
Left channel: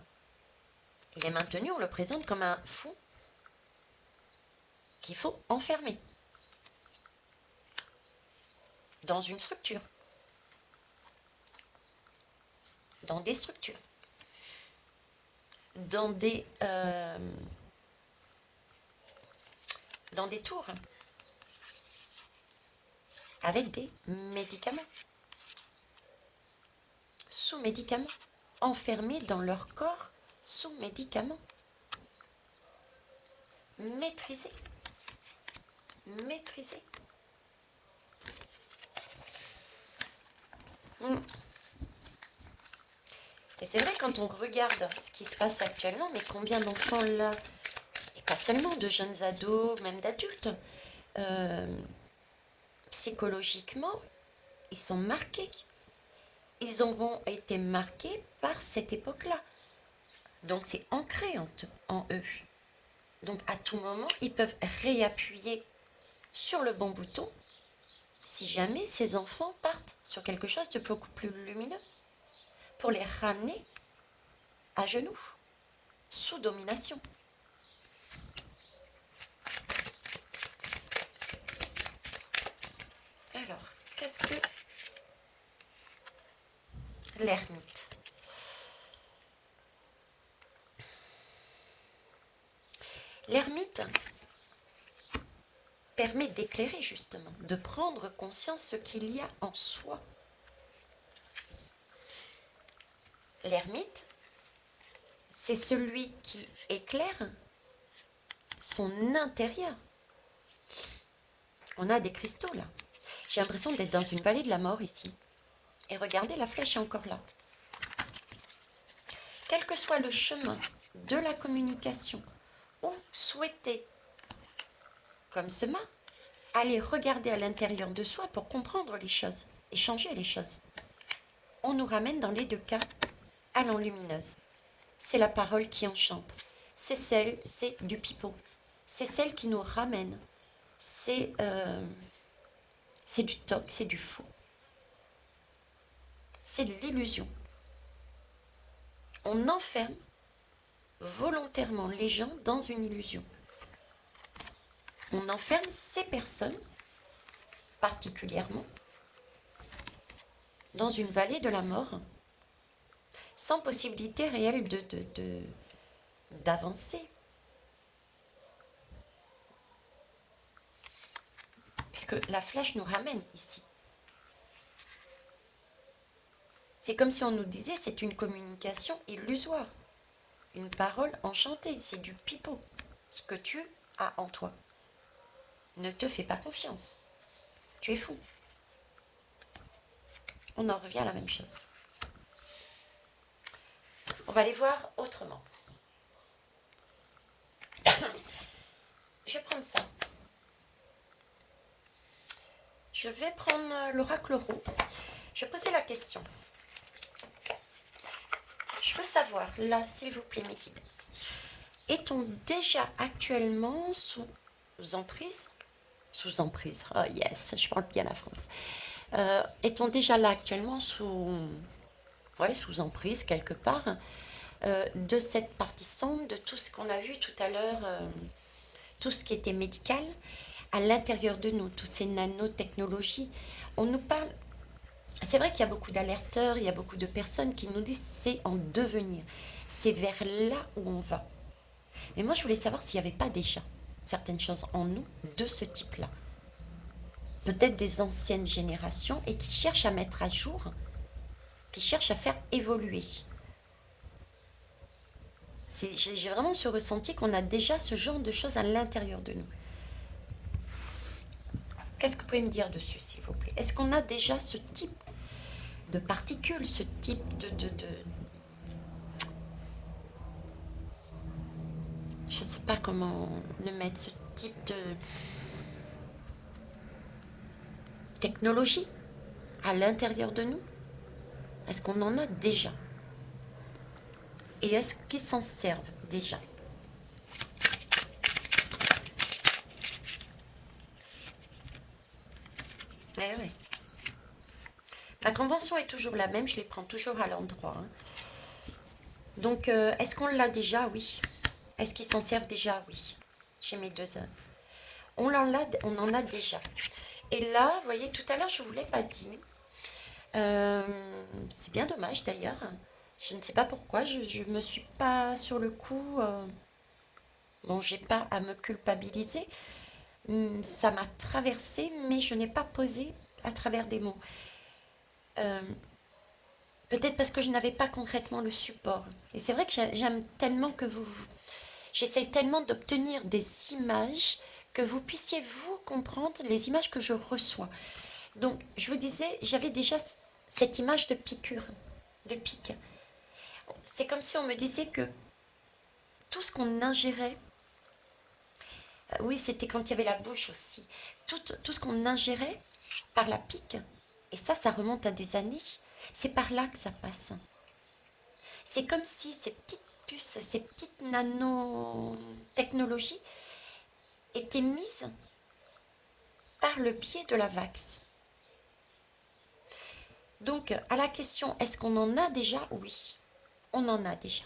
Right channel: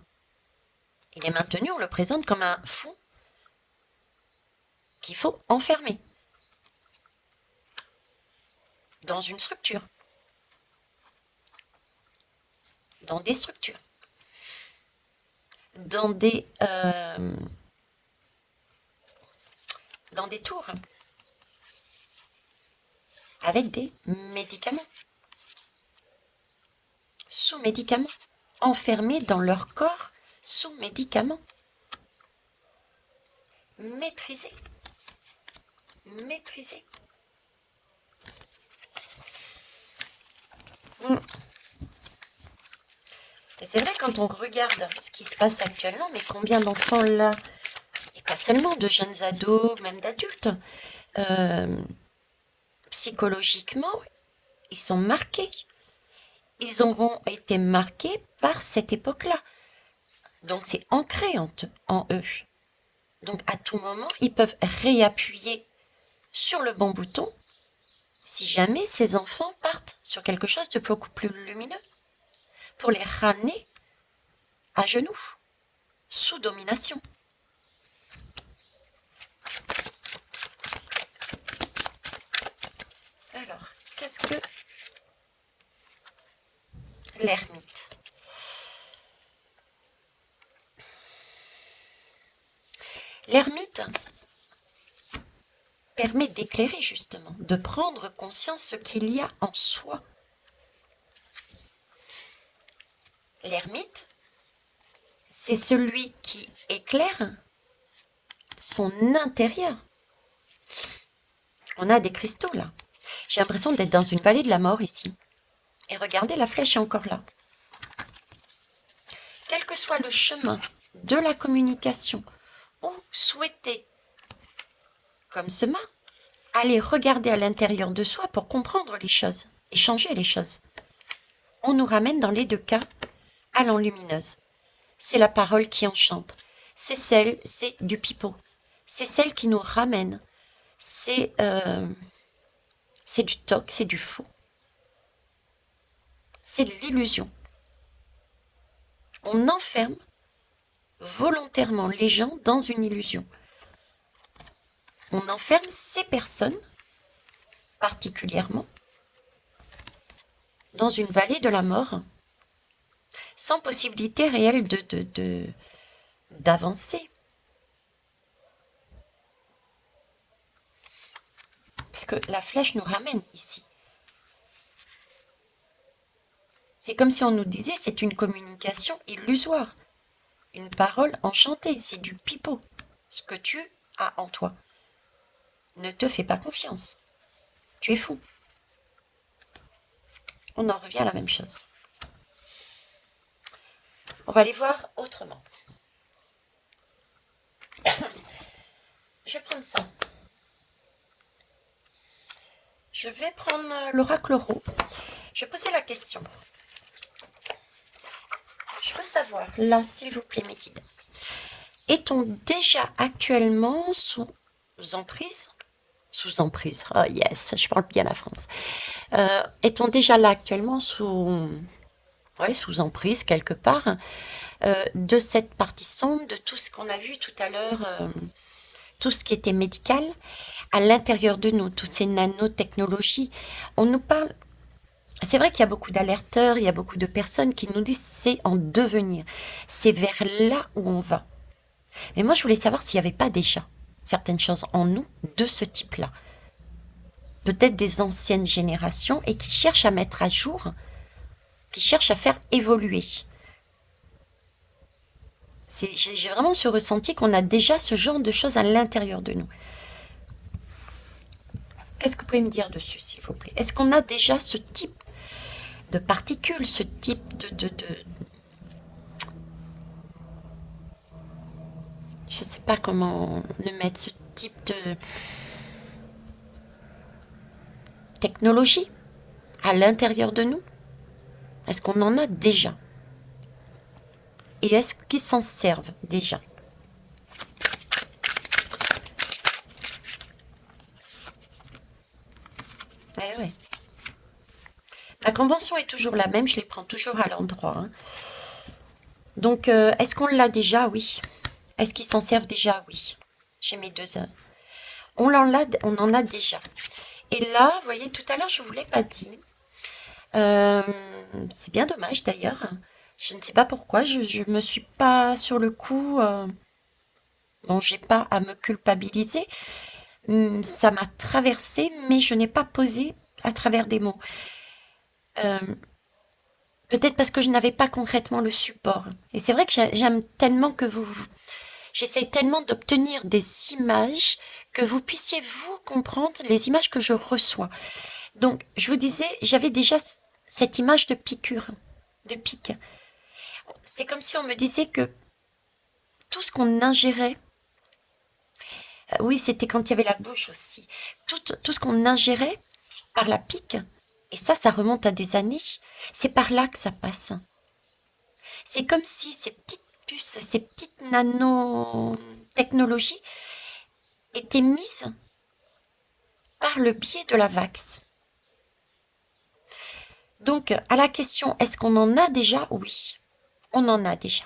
Il est maintenu, on le présente comme un fou qu'il faut enfermer dans une structure, dans des structures, dans des tours, avec des médicaments, sous médicaments, enfermés dans leur corps sous médicaments, maîtrisés, maîtrisés. Et c'est vrai, quand on regarde ce qui se passe actuellement, mais combien d'enfants là, et pas seulement de jeunes ados, même d'adultes, psychologiquement, ils sont marqués. Ils auront été marqués par cette époque-là. Donc c'est ancré en eux. Donc à tout moment, ils peuvent réappuyer sur le bon bouton si jamais ces enfants partent sur quelque chose de beaucoup plus lumineux, pour les ramener à genoux, sous domination. Alors, qu'est-ce que l'ermite? L'ermite permet d'éclairer justement, de prendre conscience ce qu'il y a en soi. L'ermite, c'est celui qui éclaire son intérieur. On a des cristaux là. J'ai l'impression d'être dans une vallée de la mort ici. Et regardez, la flèche est encore là. Quel que soit le chemin de la communication ou souhaiter, comme ce mât, aller regarder à l'intérieur de soi pour comprendre les choses et changer les choses. On nous ramène dans les deux cas à l'enlumineuse. C'est la parole qui enchante. C'est du pipeau. C'est celle qui nous ramène. C'est du toc, c'est du faux. C'est de l'illusion. On enferme volontairement les gens dans une illusion. On enferme ces personnes, particulièrement, dans une vallée de la mort, sans possibilité réelle d'avancer. Puisque la flèche nous ramène ici. C'est comme si on nous disait, c'est une communication illusoire. Une parole enchantée, c'est du pipeau. Ce que tu as en toi. Ne te fais pas confiance. Tu es fou. On en revient à la même chose. On va aller voir autrement. Je vais prendre ça. Je vais prendre l'oracle Ro. Je vais poser la question. Je veux savoir, là, s'il vous plaît, mes guides, est-on déjà actuellement sous emprise? Sous emprise, oh yes, je parle bien la France. Est-on déjà là actuellement sous emprise quelque part de cette partie sombre, de tout ce qu'on a vu tout à l'heure, tout ce qui était médical, à l'intérieur de nous, toutes ces nanotechnologies. On nous parle, c'est vrai qu'il y a beaucoup d'alerteurs, il y a beaucoup de personnes qui nous disent c'est en devenir, c'est vers là où on va. Mais moi je voulais savoir s'il n'y avait pas déjà certaines choses en nous de ce type-là. Peut-être des anciennes générations et qui cherchent à mettre à jour, qui cherchent à faire évoluer. J'ai vraiment ce ressenti qu'on a déjà ce genre de choses à l'intérieur de nous. Qu'est-ce que vous pouvez me dire dessus, s'il vous plaît? Est-ce qu'on a déjà ce type de particules, ce type je ne sais pas comment le mettre, ce type de technologie à l'intérieur de nous? Est-ce qu'on en a déjà? Et est-ce qu'ils s'en servent déjà? Eh ouais. La convention est toujours la même, je les prends toujours à l'endroit, hein. Donc, est-ce qu'on l'a déjà? Oui. Est-ce qu'ils s'en servent déjà? Oui. J'ai mes deux. On en a déjà. Et là, vous voyez, tout à l'heure, je ne vous l'ai pas dit. Euh, c'est bien dommage d'ailleurs. Je ne sais pas pourquoi. Je me suis pas sur le coup. Bon, j'ai pas à me culpabiliser. Ça m'a traversé, mais je n'ai pas posé à travers des mots. Euh, Peut-être parce que je n'avais pas concrètement le support. Et c'est vrai que j'aime tellement que j'essaie tellement d'obtenir des images que vous puissiez vous comprendre les images que je reçois. Donc, je vous disais, j'avais déjà cette image de piqûre, de pique. C'est comme si on me disait que tout ce qu'on ingérait, oui, c'était quand il y avait la bouche aussi, tout ce qu'on ingérait par la pique, et ça remonte à des années, c'est par là que ça passe. C'est comme si ces petites puces, ces petites nanotechnologies étaient mises par le biais de la vax. Donc, à la question, est-ce qu'on en a déjà? Oui, on en a déjà.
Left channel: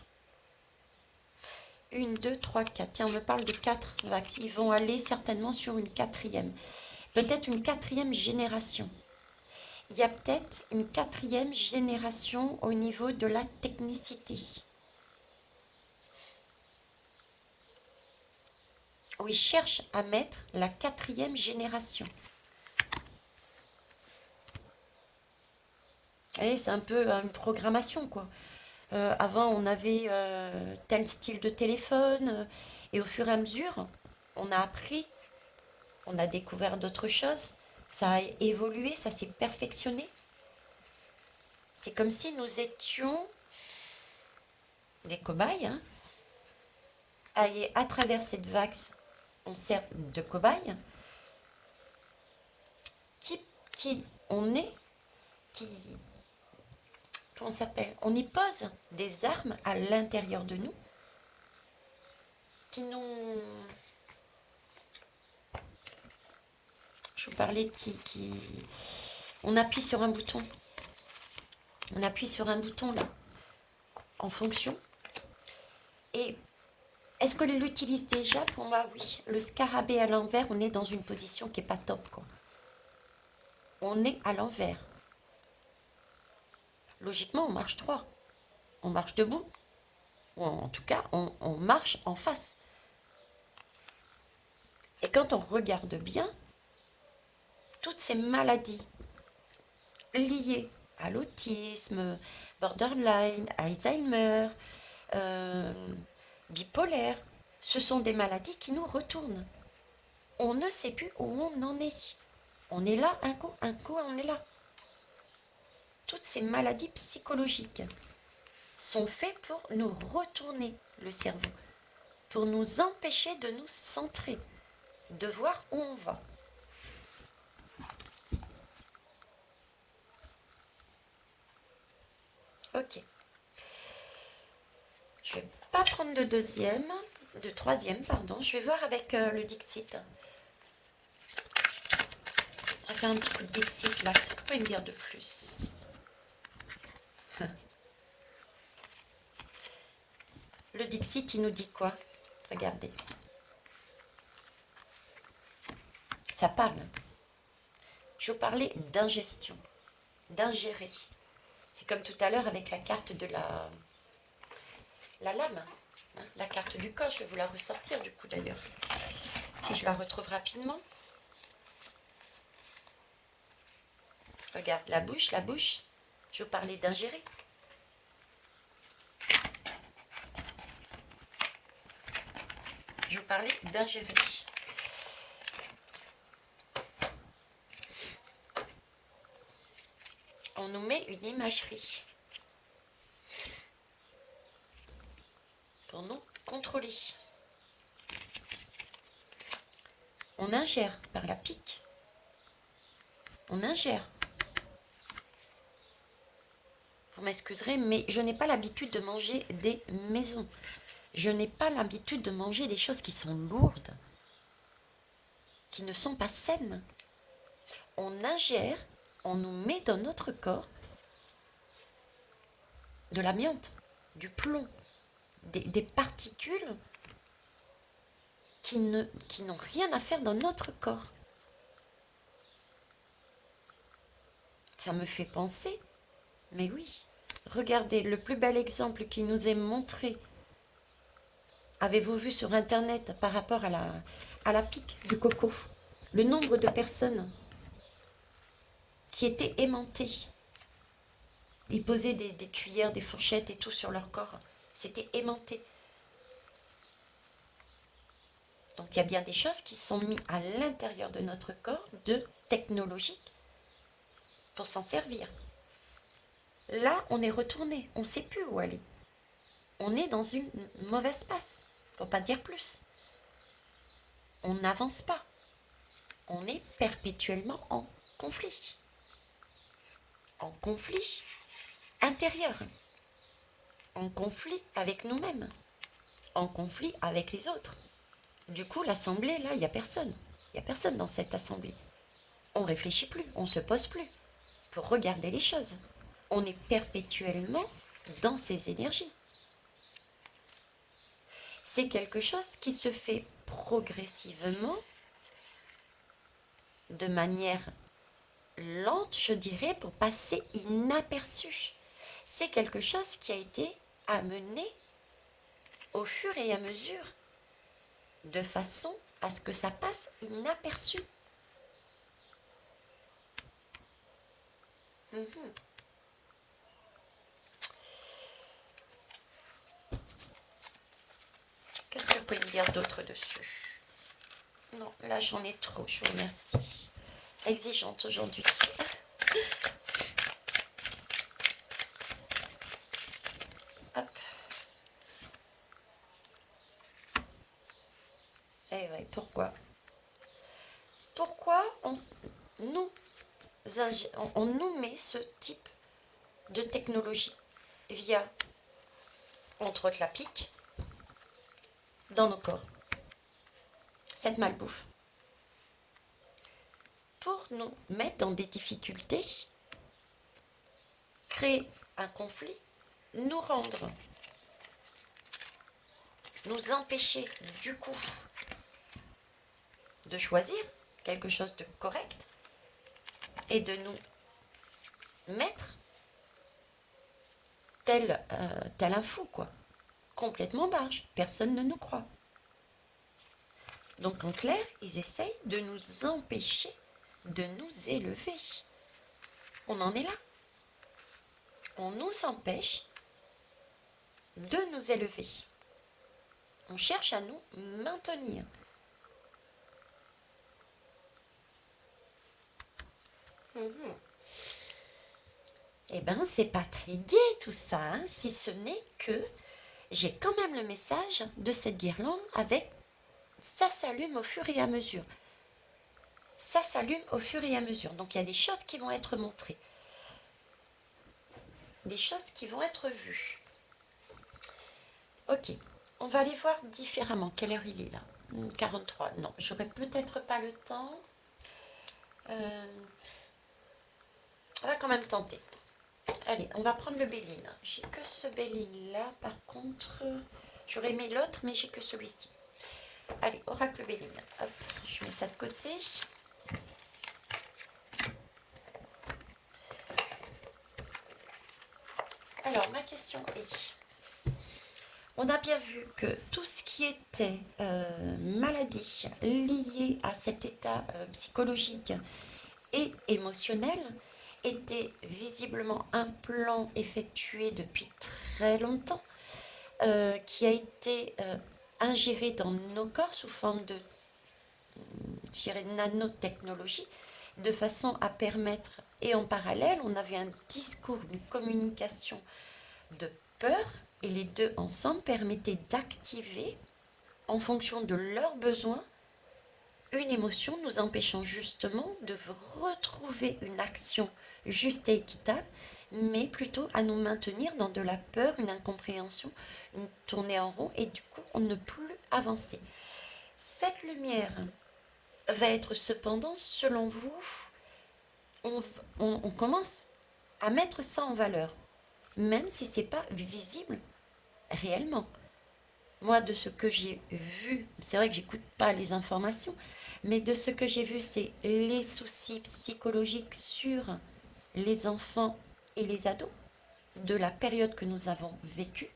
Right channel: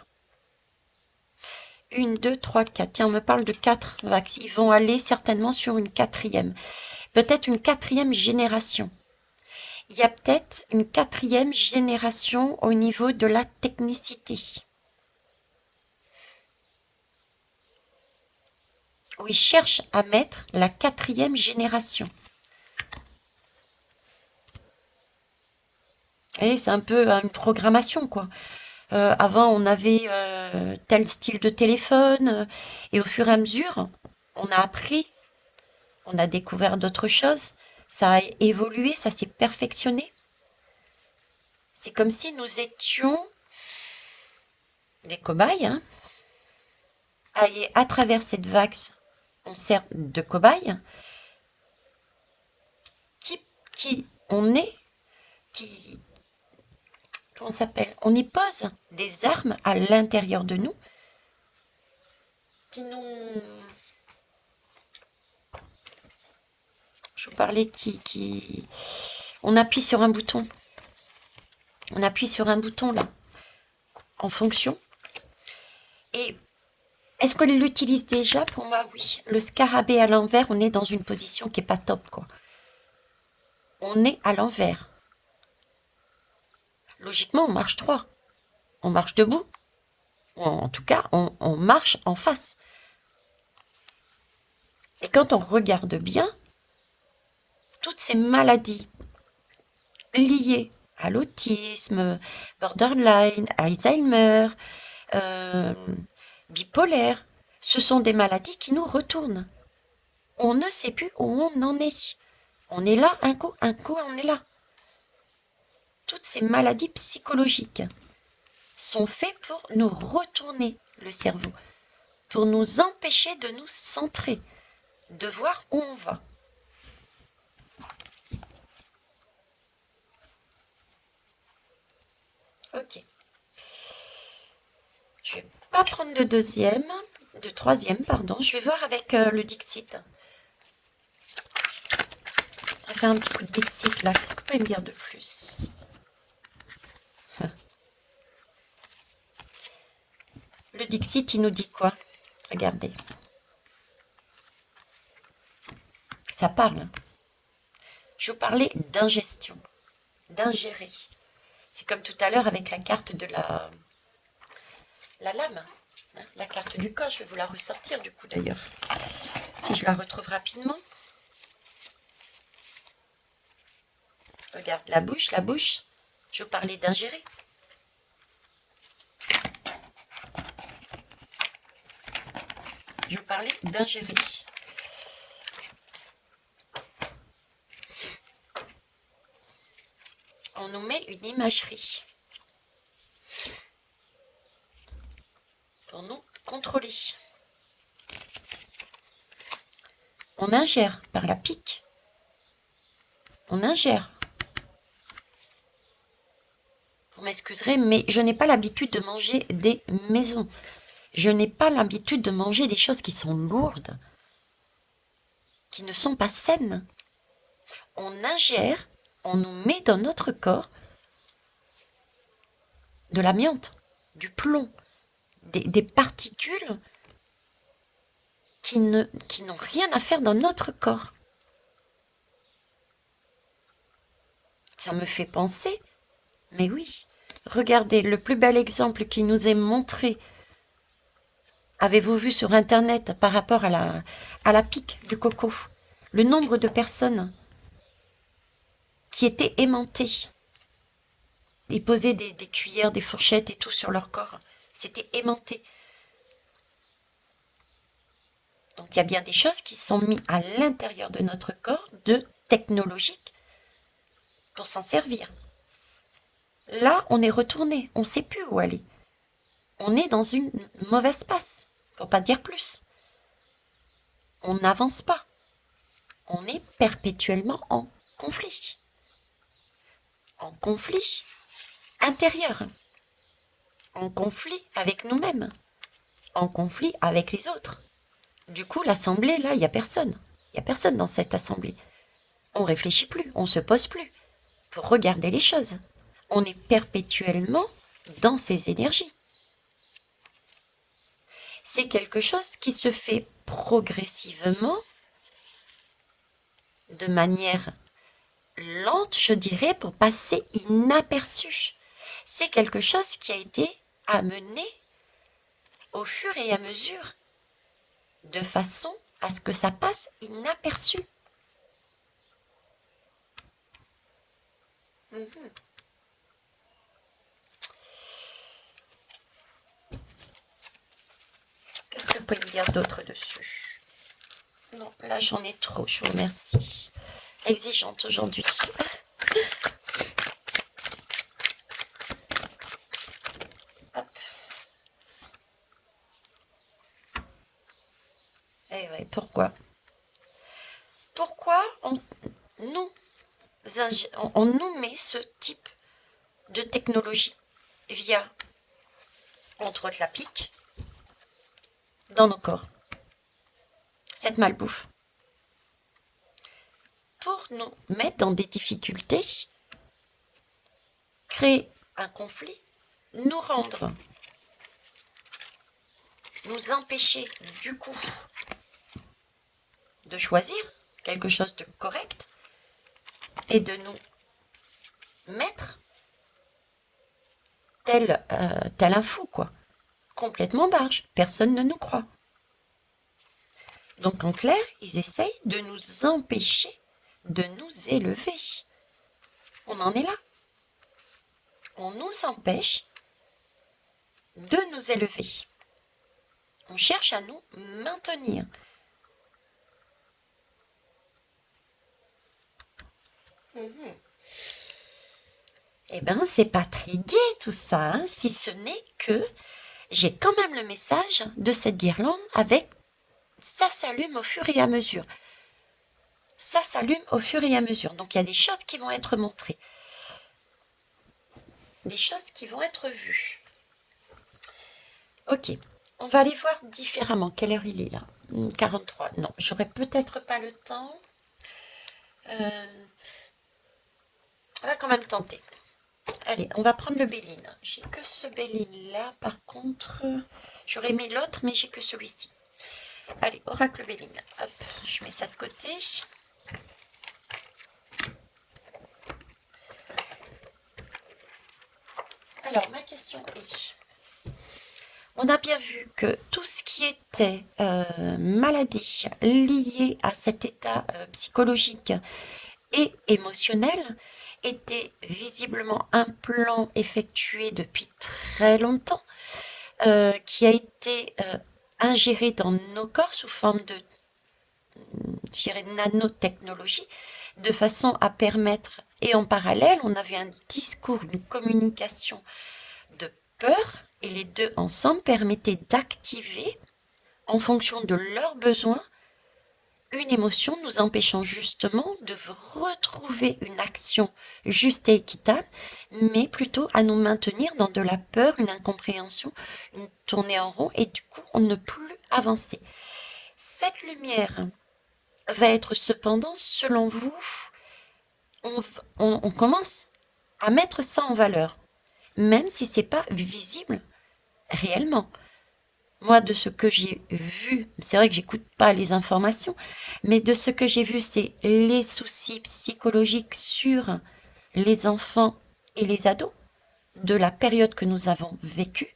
Une, deux, trois, quatre. Tiens, on me parle de quatre vax. Ils vont aller certainement sur une quatrième. Peut-être une quatrième génération. Il y a peut-être une quatrième génération au niveau de la technicité. Où ils cherchent à mettre la quatrième génération. Et c'est un peu une programmation, quoi. Avant, on avait tel style de téléphone, et au fur et à mesure, on a appris, on a découvert d'autres choses, ça a évolué, ça s'est perfectionné. C'est comme si nous étions des cobayes, hein. Et à travers cette vax, on sert de cobayes, qui on est, qui, comment ça s'appelle? On y pose des armes à l'intérieur de nous qui nous, je vous parlais on appuie sur un bouton. On appuie sur un bouton là, en fonction. Et est-ce qu'on l'utilise déjà? Pour moi, oui. Le scarabée à l'envers, on est dans une position qui est pas top, quoi. On est à l'envers. Logiquement, on marche droit. On marche debout. Ou en tout cas, on marche en face. Et quand on regarde bien, toutes ces maladies liées à l'autisme, borderline, Alzheimer, euh, bipolaire, ce sont des maladies qui nous retournent. On ne sait plus où on en est. On est là un coup, on est là. Toutes ces maladies psychologiques sont faites pour nous retourner le cerveau, pour nous empêcher de nous centrer, de voir où on va. Ok. Je vais pas prendre de troisième, pardon. Je vais voir avec le Dixit. On va faire un petit coup de Dixit là. Qu'est-ce que vous pouvez me dire de plus? Le Dixit, il nous dit quoi? Regardez. Ça parle. Je vous parlais d'ingestion, d'ingérer. C'est comme tout à l'heure avec la carte de la lame, hein, la carte du corps. Je vais vous la ressortir du coup d'ailleurs, si je la retrouve rapidement. Regarde, la bouche, la bouche. Je vous parlais d'ingérer. Je vous parlais d'ingérer. On nous met une imagerie pour nous contrôler. On ingère par la pique. On ingère. Vous m'excuserez, mais je n'ai pas l'habitude de manger des maisons. Je n'ai pas l'habitude de manger des choses qui sont lourdes, qui ne sont pas saines. On ingère, on nous met dans notre corps de l'amiante, du plomb, des particules qui n'ont rien à faire dans notre corps. Ça me fait penser, mais oui, regardez, le plus bel exemple qui nous est montré, avez-vous vu sur Internet par rapport à la pique du coco, le nombre de personnes qui étaient aimantées. Ils posaient des cuillères, des fourchettes et tout sur leur corps. C'était aimanté. Donc il y a bien des choses qui sont mises à l'intérieur de notre corps de technologiques pour s'en servir. Là, on est retourné, on ne sait plus où aller. On est dans une mauvaise passe, pour pas dire plus. On n'avance pas. On est perpétuellement en conflit. En conflit intérieur. En conflit avec nous-mêmes. En conflit avec les autres. Du coup, l'assemblée, là, il n'y a personne. Il n'y a personne dans cette assemblée. On réfléchit plus, on se pose plus pour regarder les choses. On est perpétuellement dans ces énergies. C'est quelque chose qui se fait progressivement, de manière lente, je dirais, pour passer inaperçu. C'est quelque chose qui a été amené au fur et à mesure, de façon à ce que ça passe inaperçu. Mhm. Qu'est-ce que vous pouvez me dire d'autre dessus? Non, là j'en ai trop, je vous remercie. Exigeante aujourd'hui. Hop. Eh ouais, pourquoi? Pourquoi nous, on nous met ce type de technologie via, entre autres, la pique dans nos corps? Cette malbouffe. Pour nous mettre dans des difficultés, créer un conflit, nous rendre, nous empêcher du coup de choisir quelque chose de correct et de nous mettre tel un fou, quoi. Complètement barge. Personne ne nous croit. Donc en clair, ils essayent de nous empêcher de nous élever. On en est là. On nous empêche de nous élever. On cherche à nous maintenir. Eh bien, c'est pas très gai tout ça, hein, si ce n'est que j'ai quand même le message de cette guirlande avec ça s'allume au fur et à mesure. Ça s'allume au fur et à mesure. Donc il y a des choses qui vont être montrées. Des choses qui vont être vues. Ok, on va aller voir différemment. Quelle heure il est là? 43. Non, j'aurai peut-être pas le temps. On va quand même tenter. Allez, on va prendre le Béline. J'ai que ce Béline là, par contre, j'aurais aimé l'autre, mais j'ai que celui-ci. Allez, oracle Béline. Hop, je mets ça de côté. Alors, ma question est, on a bien vu que tout ce qui était maladie liée à cet état psychologique et émotionnel était visiblement un plan effectué depuis très longtemps, qui a été ingéré dans nos corps sous forme de, je dirais, nanotechnologie, de façon à permettre, et en parallèle, on avait un discours, une communication de peur, et les deux ensemble permettaient d'activer, en fonction de leurs besoins, une émotion nous empêchant justement de retrouver une action juste et équitable, mais plutôt à nous maintenir dans de la peur, une incompréhension, une tournée en rond, et du coup, on ne peut plus avancer. Cette lumière va être cependant, selon vous, on commence à mettre ça en valeur, même si c'est pas visible réellement. Moi, de ce que j'ai vu, c'est vrai que j'écoute pas les informations, mais de ce que j'ai vu, c'est les soucis psychologiques sur les enfants et les ados de la période que nous avons vécue.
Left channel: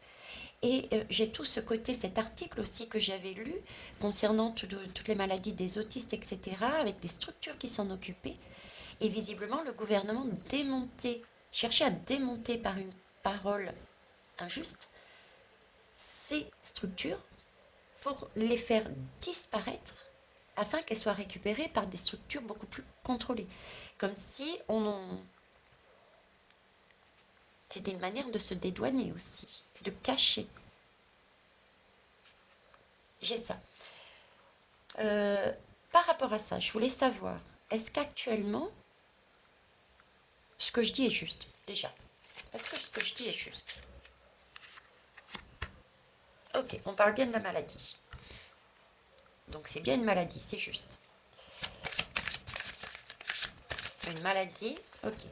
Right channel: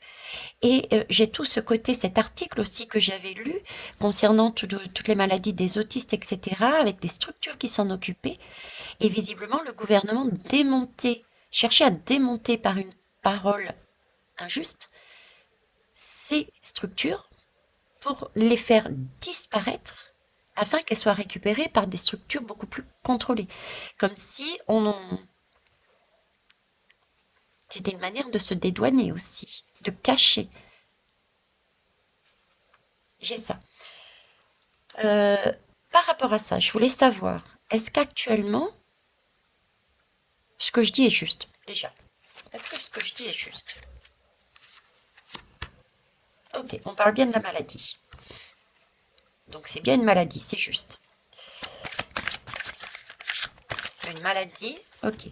Et j'ai tout ce côté, cet article aussi que j'avais lu concernant toutes les maladies des autistes, etc., avec des structures qui s'en occupaient. Et visiblement, le gouvernement démontait, cherchait à démonter par une parole injuste ces structures pour les faire disparaître afin qu'elles soient récupérées par des structures beaucoup plus contrôlées. Comme si c'était une manière de se dédouaner aussi, de cacher. J'ai ça. Euh, Par rapport à ça, je voulais savoir, est-ce qu'actuellement, ce que je dis est juste, déjà? Est-ce que ce que je dis est juste? Ok, on parle bien de la maladie. Donc c'est bien une maladie, c'est juste. Une maladie, ok.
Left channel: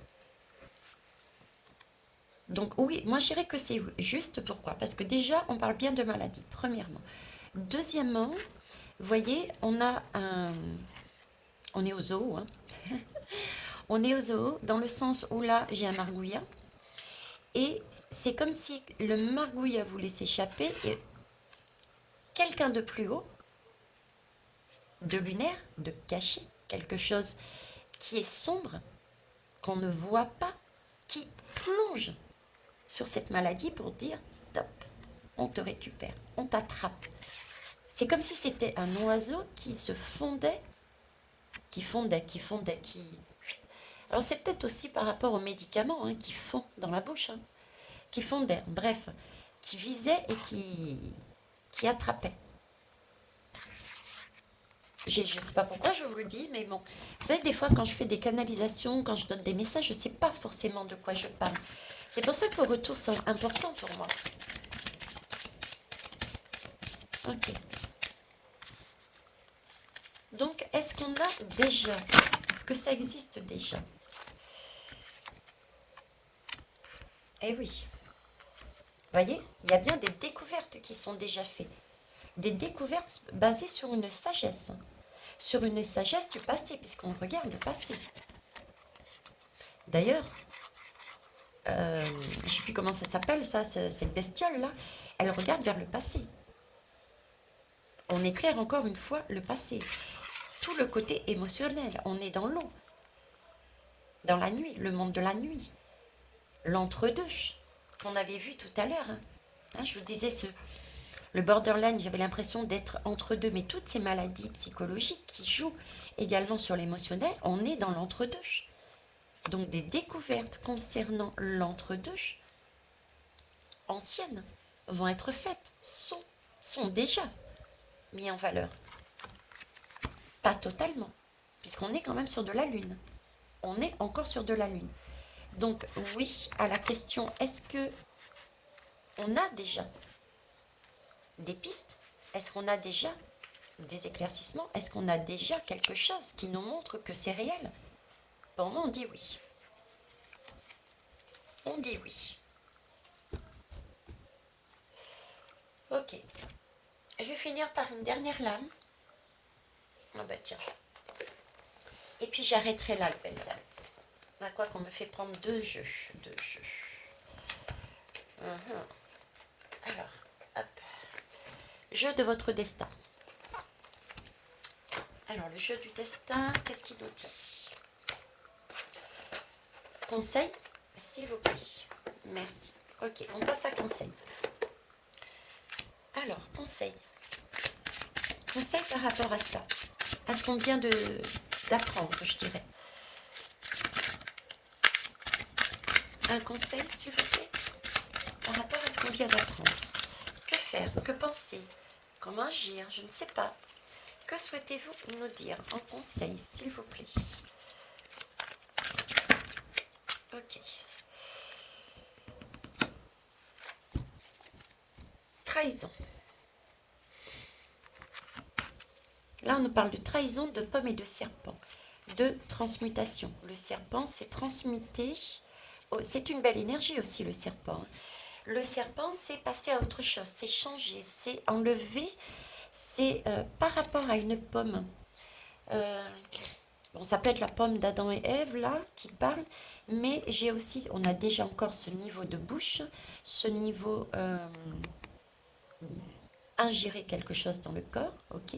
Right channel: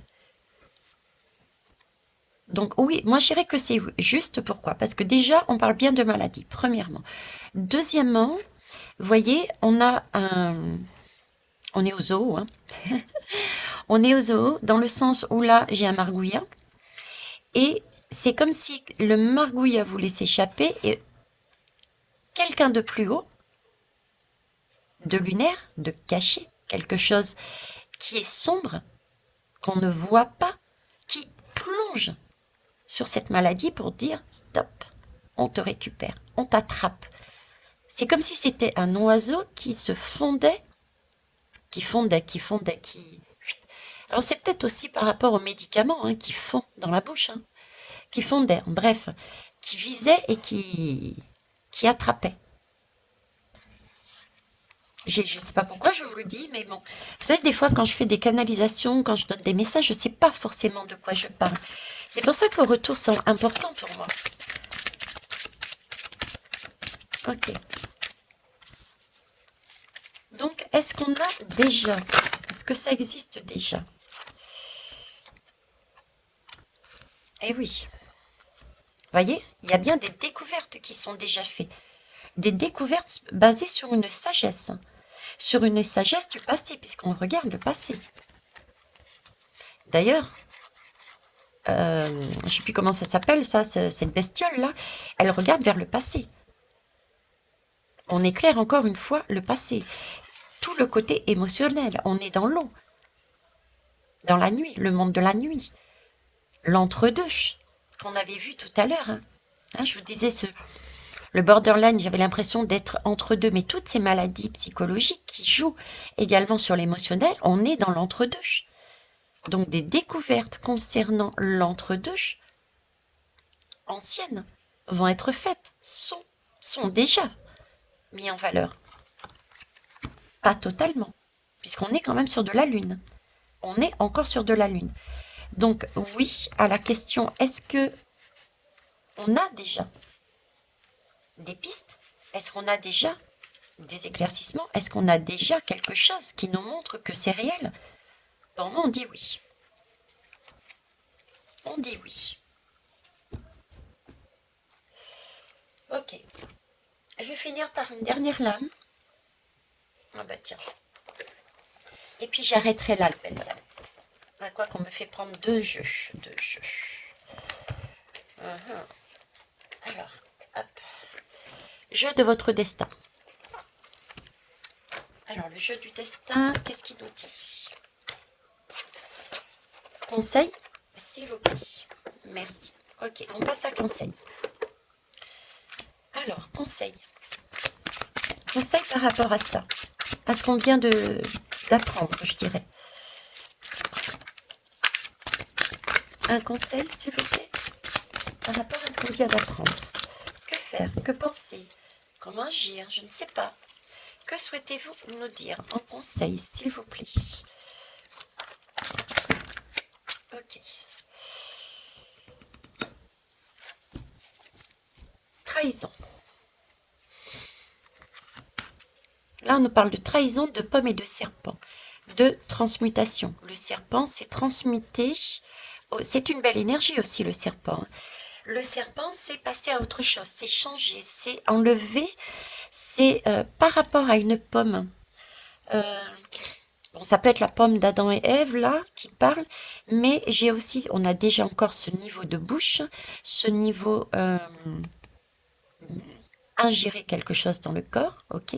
Donc oui, moi je dirais que c'est juste. Pourquoi? Parce que déjà, on parle bien de maladie, premièrement. Deuxièmement, vous voyez, on est au zoo, hein. On est au zoo dans le sens où là, j'ai un margouillat. Et c'est comme si le margouillat voulait s'échapper et quelqu'un de plus haut, de lunaire, de caché, quelque chose qui est sombre, qu'on ne voit pas, qui plonge sur cette maladie pour dire stop, on te récupère, on t'attrape. C'est comme si c'était un oiseau qui se fondait, qui... Alors c'est peut-être aussi par rapport aux médicaments hein, qui font dans la bouche, hein, qui fondaient, bref, qui visaient et qui attrapaient. Je ne sais pas pourquoi je vous le dis, mais bon. Vous savez, des fois, quand je fais des canalisations, quand je donne des messages, je ne sais pas forcément de quoi je parle. C'est pour ça que vos retours sont importants pour moi. Ok. Donc, est-ce qu'on a déjà? Est-ce que ça existe déjà? Eh oui. Vous voyez, il y a bien des découvertes qui sont déjà faites. Des découvertes basées sur une sagesse. Sur une sagesse du passé, puisqu'on regarde le passé. D'ailleurs, je ne sais plus comment ça s'appelle, ça, cette bestiole-là, elle regarde vers le passé. On éclaire encore une fois le passé. Tout le côté émotionnel, on est dans l'eau, dans la nuit, le monde de la nuit, l'entre-deux qu'on avait vu tout à l'heure. Hein, je vous disais, le borderline, j'avais l'impression d'être entre deux, mais toutes ces maladies psychologiques qui jouent également sur l'émotionnel, on est dans l'entre-deux. Donc des découvertes concernant l'entre-deux anciennes vont être faites, sont déjà mis en valeur. Pas totalement, puisqu'on est quand même sur de la Lune. On est encore sur de la Lune. Donc oui, à la question, est-ce que on a déjà des pistes? Est-ce qu'on a déjà des éclaircissements? Est-ce qu'on a déjà quelque chose qui nous montre que c'est réel? Pour moi, on dit oui. On dit oui. Ok. Je vais finir par une dernière lame. Ah bah tiens. Et puis j'arrêterai là le pensa. À quoi qu'on me fait prendre deux jeux. Deux jeux. Alors, hop. Jeu de votre destin. Alors, le jeu du destin, qu'est-ce qu'il nous dit? Conseil, s'il vous plaît. Merci. Ok, on passe à conseil. Alors, conseil. Conseil par rapport à ça. À ce qu'on vient d'apprendre, je dirais. Un conseil, s'il vous plaît, par rapport à ce qu'on vient d'apprendre. Que faire? Que penser? Comment agir? Je ne sais pas. Que souhaitez-vous nous dire en conseil, s'il vous plaît? Ok. Trahison. Là, on nous parle de trahison de pommes et de serpents. de transmutation. Le serpent, c'est transmuter. Oh, c'est une belle énergie aussi, le serpent. Le serpent, c'est passer à autre chose, c'est changer, c'est enlever. C'est par rapport à une pomme. Euh, bon, ça peut être la pomme d'Adam et Ève, là, qui parle, mais j'ai aussi, on a déjà encore ce niveau de bouche, ce niveau ingérer quelque chose dans le corps, ok.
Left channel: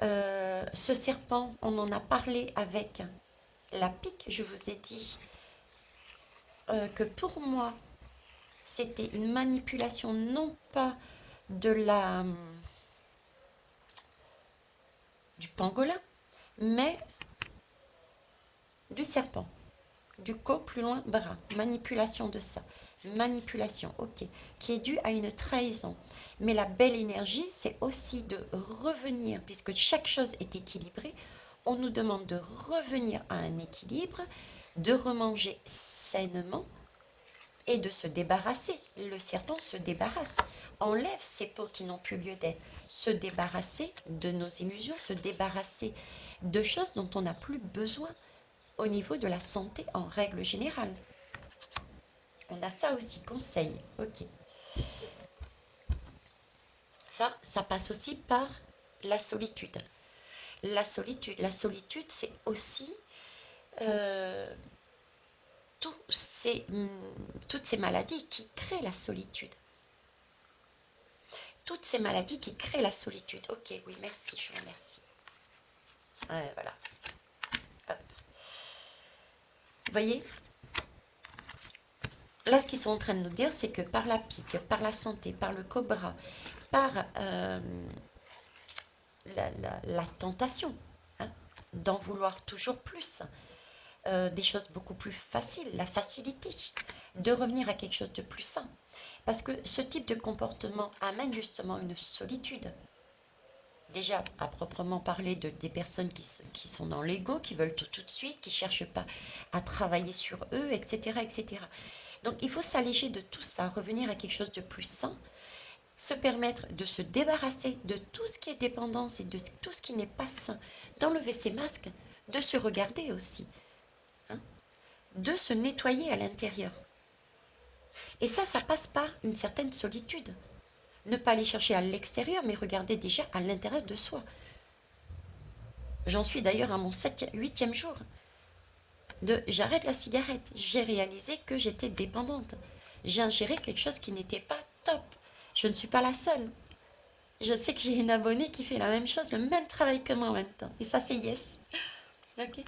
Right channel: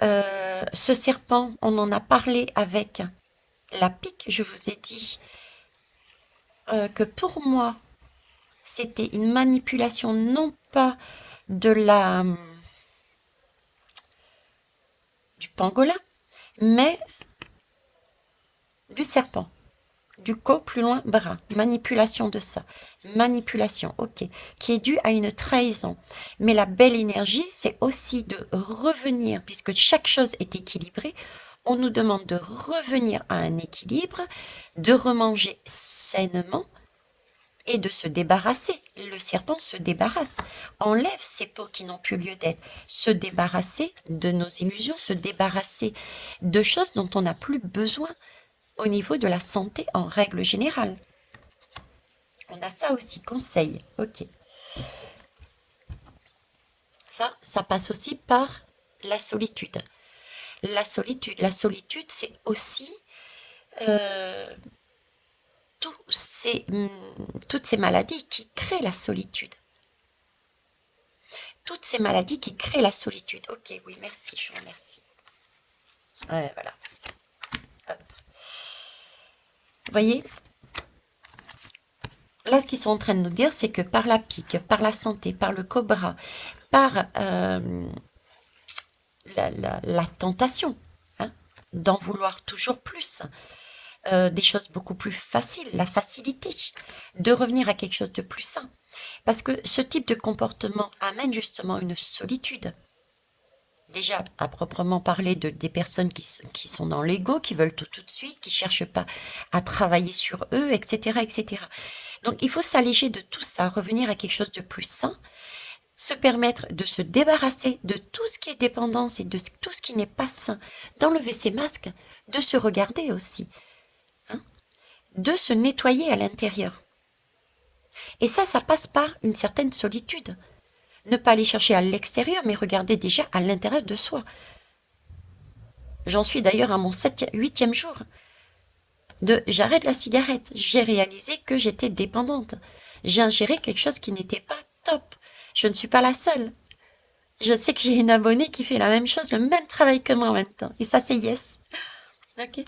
Ce serpent, on en a parlé avec la pique, je vous ai dit que pour moi, c'était une manipulation non pas de du pangolin, mais du serpent. Du co plus loin bras, manipulation de ça, manipulation, ok, qui est due à une trahison. Mais la belle énergie, c'est aussi de revenir, puisque chaque chose est équilibrée, on nous demande de revenir à un équilibre, de remanger sainement et de se débarrasser. Le serpent se débarrasse, enlève ces peaux qui n'ont plus lieu d'être, se débarrasser de nos illusions, se débarrasser de choses dont on n'a plus besoin au niveau de la santé en règle générale. On a ça aussi, conseil, ok. Ça passe aussi par la solitude. La solitude, c'est aussi euh, toutes ces maladies qui créent la solitude. Toutes ces maladies qui créent la solitude. Ok, oui, merci, je vous remercie. Voilà. Hop. Vous voyez, là, ce qu'ils sont en train de nous dire, c'est que par la pique, par la santé, par le cobra, par la tentation, hein, d'en vouloir toujours plus, des choses beaucoup plus faciles, la facilité, de revenir à quelque chose de plus sain. Parce que ce type de comportement amène justement une solitude. Déjà, à proprement parler des personnes qui sont dans l'ego, qui veulent tout de suite, qui ne cherchent pas à travailler sur eux, etc., etc. Donc, il faut s'alléger de tout ça, revenir à quelque chose de plus sain, se permettre de se débarrasser de tout ce qui est dépendance et de tout ce qui n'est pas sain, d'enlever ses masques, de se regarder aussi, hein, de se nettoyer à l'intérieur. Et ça passe par une certaine solitude. Ne pas aller chercher à l'extérieur, mais regarder déjà à l'intérieur de soi. J'en suis d'ailleurs à mon 8e jour de j'arrête la cigarette. J'ai réalisé que j'étais dépendante. J'ai ingéré quelque chose qui n'était pas top. Je ne suis pas la seule. Je sais que j'ai une abonnée qui fait la même chose, le même travail que moi en même temps. Et ça, c'est yes. Ok.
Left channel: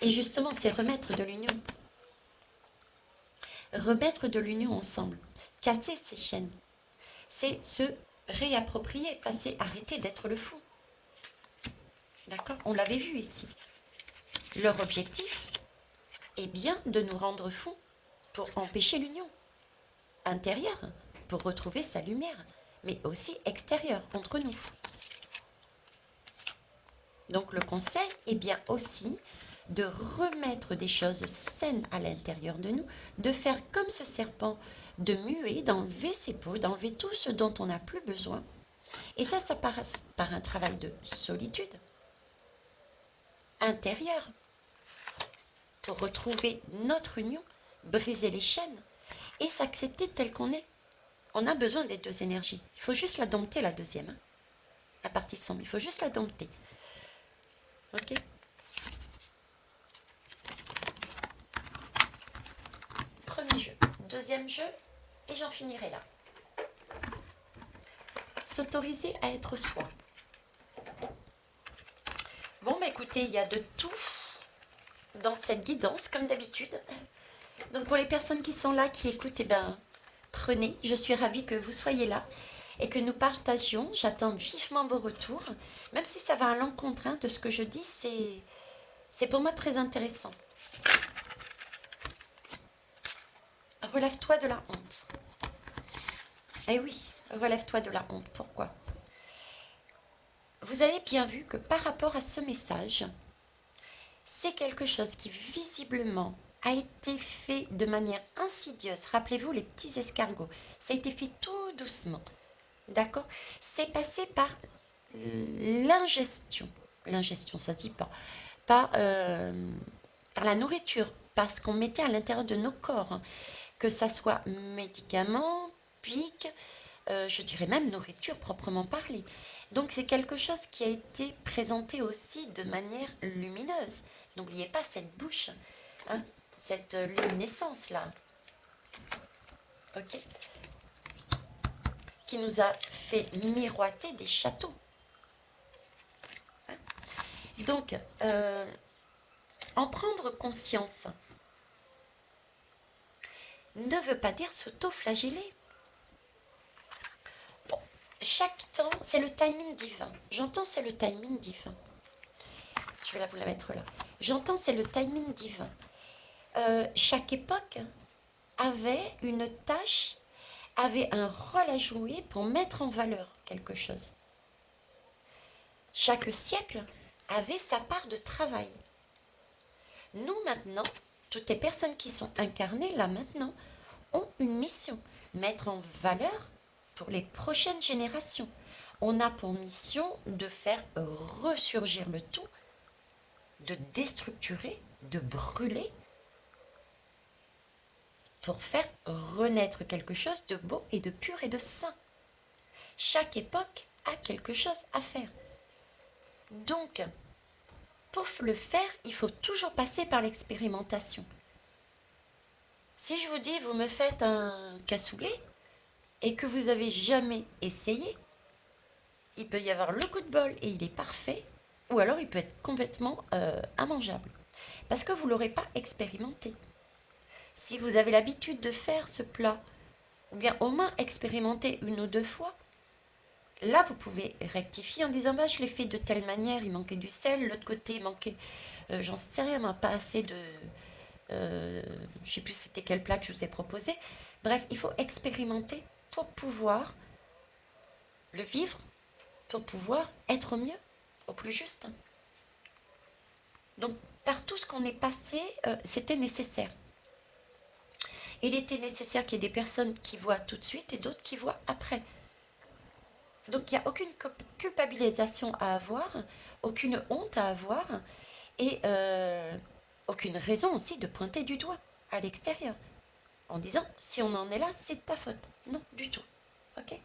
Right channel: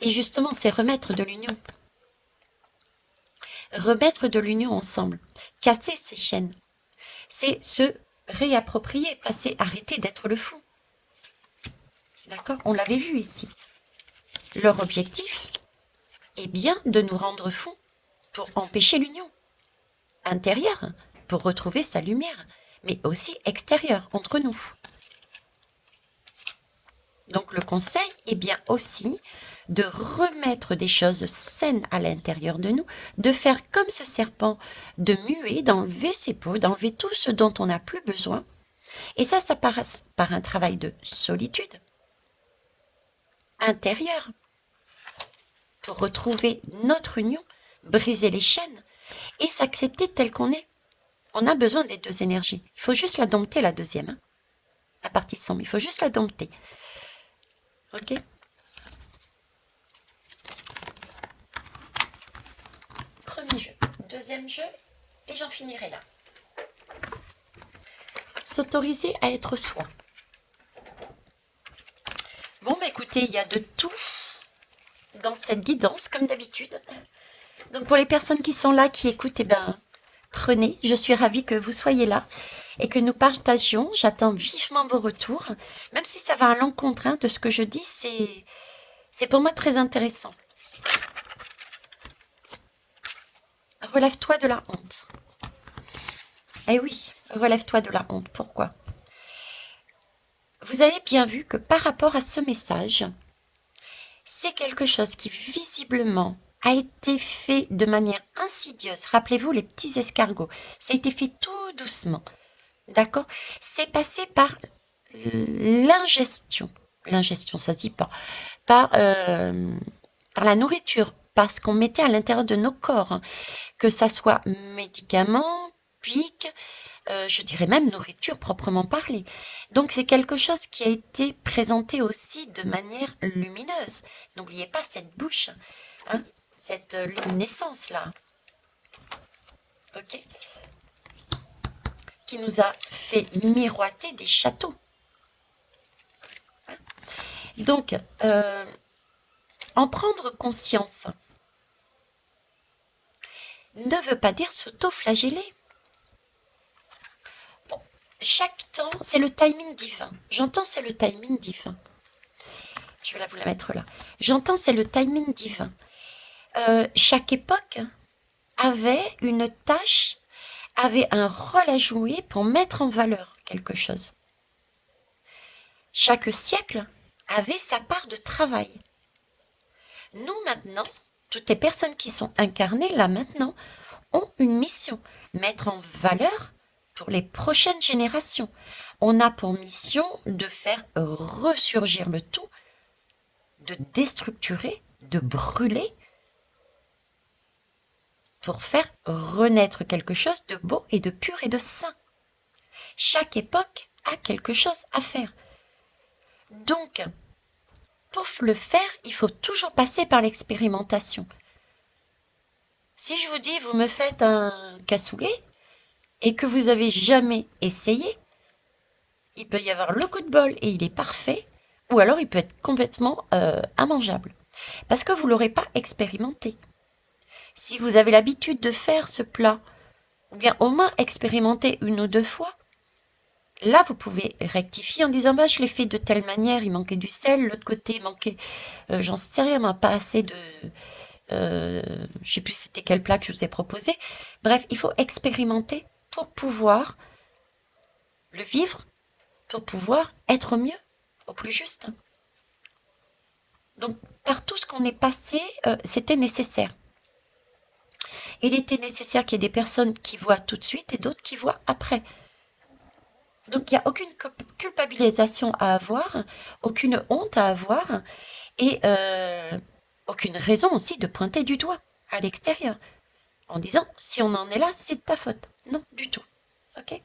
Et justement, c'est remettre de l'union. Remettre de l'union ensemble. Casser ces chaînes. C'est se réapproprier, passer, arrêter d'être le fou. D'accord? On l'avait vu ici. Leur objectif est bien de nous rendre fous pour empêcher l'union intérieure, pour retrouver sa lumière, mais aussi extérieure, entre nous. Donc le conseil est bien aussi de remettre des choses saines à l'intérieur de nous, de faire comme ce serpent, de muer, d'enlever ses peaux, d'enlever tout ce dont on n'a plus besoin. Et ça passe par un travail de solitude intérieure pour retrouver notre union, briser les chaînes et s'accepter tel qu'on est. On a besoin des deux énergies. Il faut juste la dompter, la deuxième. Hein. La partie sombre, il faut juste la dompter. Ok? Premier jeu. Deuxième jeu, et j'en finirai là. S'autoriser à être soi. Bon, bah écoutez, il y a de tout dans cette guidance, comme d'habitude. Donc pour les personnes qui sont là, qui écoutent, eh ben, prenez. Je suis ravie que vous soyez là et que nous partagions. J'attends vivement vos retours. Même si ça va à l'encontre de ce que je dis, c'est pour moi très intéressant. Relève-toi de la honte. Eh oui, relève-toi de la honte. Pourquoi? Vous avez bien vu que par rapport à ce message, c'est quelque chose qui visiblement a été fait de manière insidieuse. Rappelez-vous les petits escargots. Ça a été fait tout doucement. D'accord? C'est passé par l'ingestion. L'ingestion, ça se dit pas. par la nourriture, par ce qu'on mettait à l'intérieur de nos corps, hein, que ça soit médicaments, pics, je dirais même nourriture proprement parlée. Donc c'est quelque chose qui a été présenté aussi de manière lumineuse. N'oubliez pas cette bouche, hein, cette luminescence-là, ok, qui nous a fait miroiter des châteaux. Donc, en prendre conscience ne veut pas dire s'auto-flageller. Bon, chaque temps, c'est le timing divin. J'entends, c'est le timing divin. Je vais vous la mettre là. J'entends, c'est le timing divin. Chaque époque avait une tâche, avait un rôle à jouer pour mettre en valeur quelque chose. Chaque siècle avait sa part de travail. Nous maintenant, toutes les personnes qui sont incarnées là maintenant, ont une mission, mettre en valeur pour les prochaines générations. On a pour mission de faire ressurgir le tout, de déstructurer, de brûler, pour faire renaître quelque chose de beau et de pur et de sain. Chaque époque a quelque chose à faire. Donc, pour le faire, il faut toujours passer par l'expérimentation. Si je vous dis, vous me faites un cassoulet et que vous avez jamais essayé, il peut y avoir le coup de bol et il est parfait, ou alors il peut être complètement immangeable, parce que vous ne l'aurez pas expérimenté. Si vous avez l'habitude de faire ce plat, ou bien au moins expérimenter une ou deux fois, là vous pouvez rectifier en disant bah, je l'ai fait de telle manière, il manquait du sel, l'autre côté il manquait, j'en sais rien, pas assez de... je sais plus c'était quel plat que je vous ai proposé. Bref, il faut expérimenter pour pouvoir le vivre, pour pouvoir être mieux, au plus juste. Donc, par tout ce qu'on est passé, c'était nécessaire. Il était nécessaire qu'il y ait des personnes qui voient tout de suite et d'autres qui voient après. Donc, il n'y a aucune culpabilisation à avoir, aucune honte à avoir et aucune raison aussi de pointer du doigt à l'extérieur en disant si on en est là, c'est de ta faute. Non, du tout. Ok.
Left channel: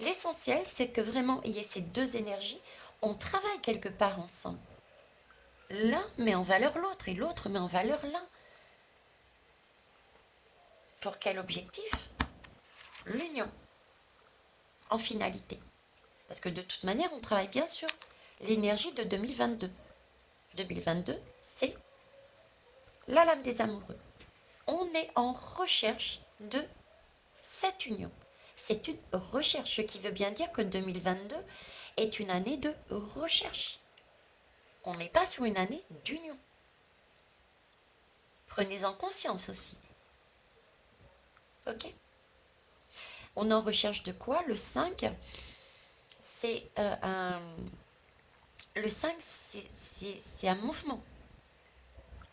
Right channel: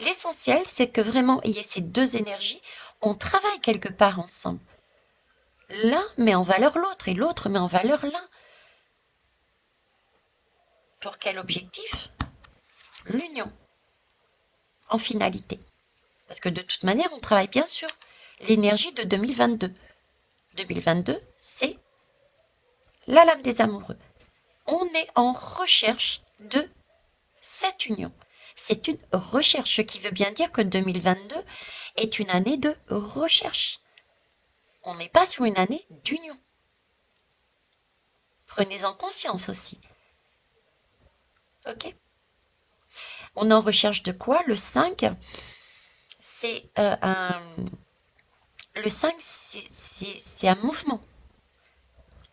L'essentiel, c'est que vraiment il y ait ces deux énergies, on travaille quelque part ensemble. L'un met en valeur l'autre et l'autre met en valeur l'un. Pour quel objectif? L'union, en finalité. Parce que de toute manière, on travaille bien sûr l'énergie de 2022. 2022, c'est la lame des amoureux. On est en recherche de cette union. C'est une recherche, ce qui veut bien dire que 2022 est une année de recherche. On n'est pas sur une année d'union. Prenez-en conscience aussi. Ok? On est en recherche de quoi? Le 5, c'est Le 5, c'est un mouvement.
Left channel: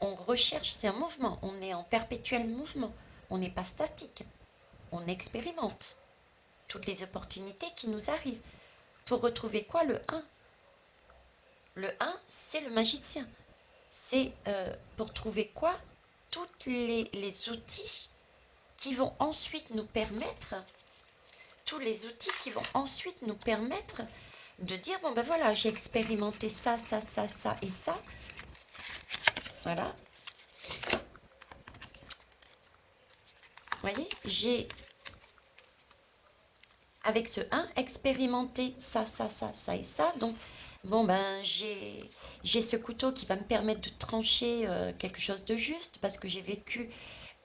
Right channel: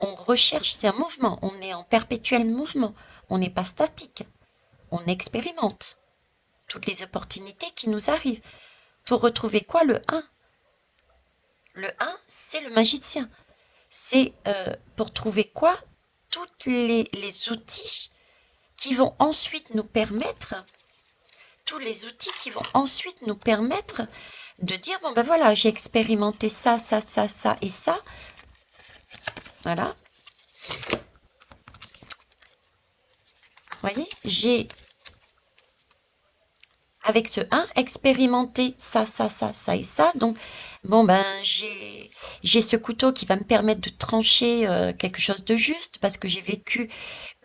On recherche, c'est un mouvement. On est en perpétuel mouvement. On n'est pas statique. On expérimente toutes les opportunités qui nous arrivent. Pour retrouver quoi? Le 1. Le 1, c'est le magicien. C'est pour trouver quoi? Tous les outils qui vont ensuite nous permettre, tous les outils qui vont ensuite nous permettre de dire, bon ben voilà, j'ai expérimenté ça, ça, ça, ça et ça. Voilà. Vous voyez, j'ai, avec ce 1, expérimenté ça, ça, ça, ça et ça. Donc, bon ben, j'ai ce couteau qui va me permettre de trancher quelque chose de juste parce que j'ai vécu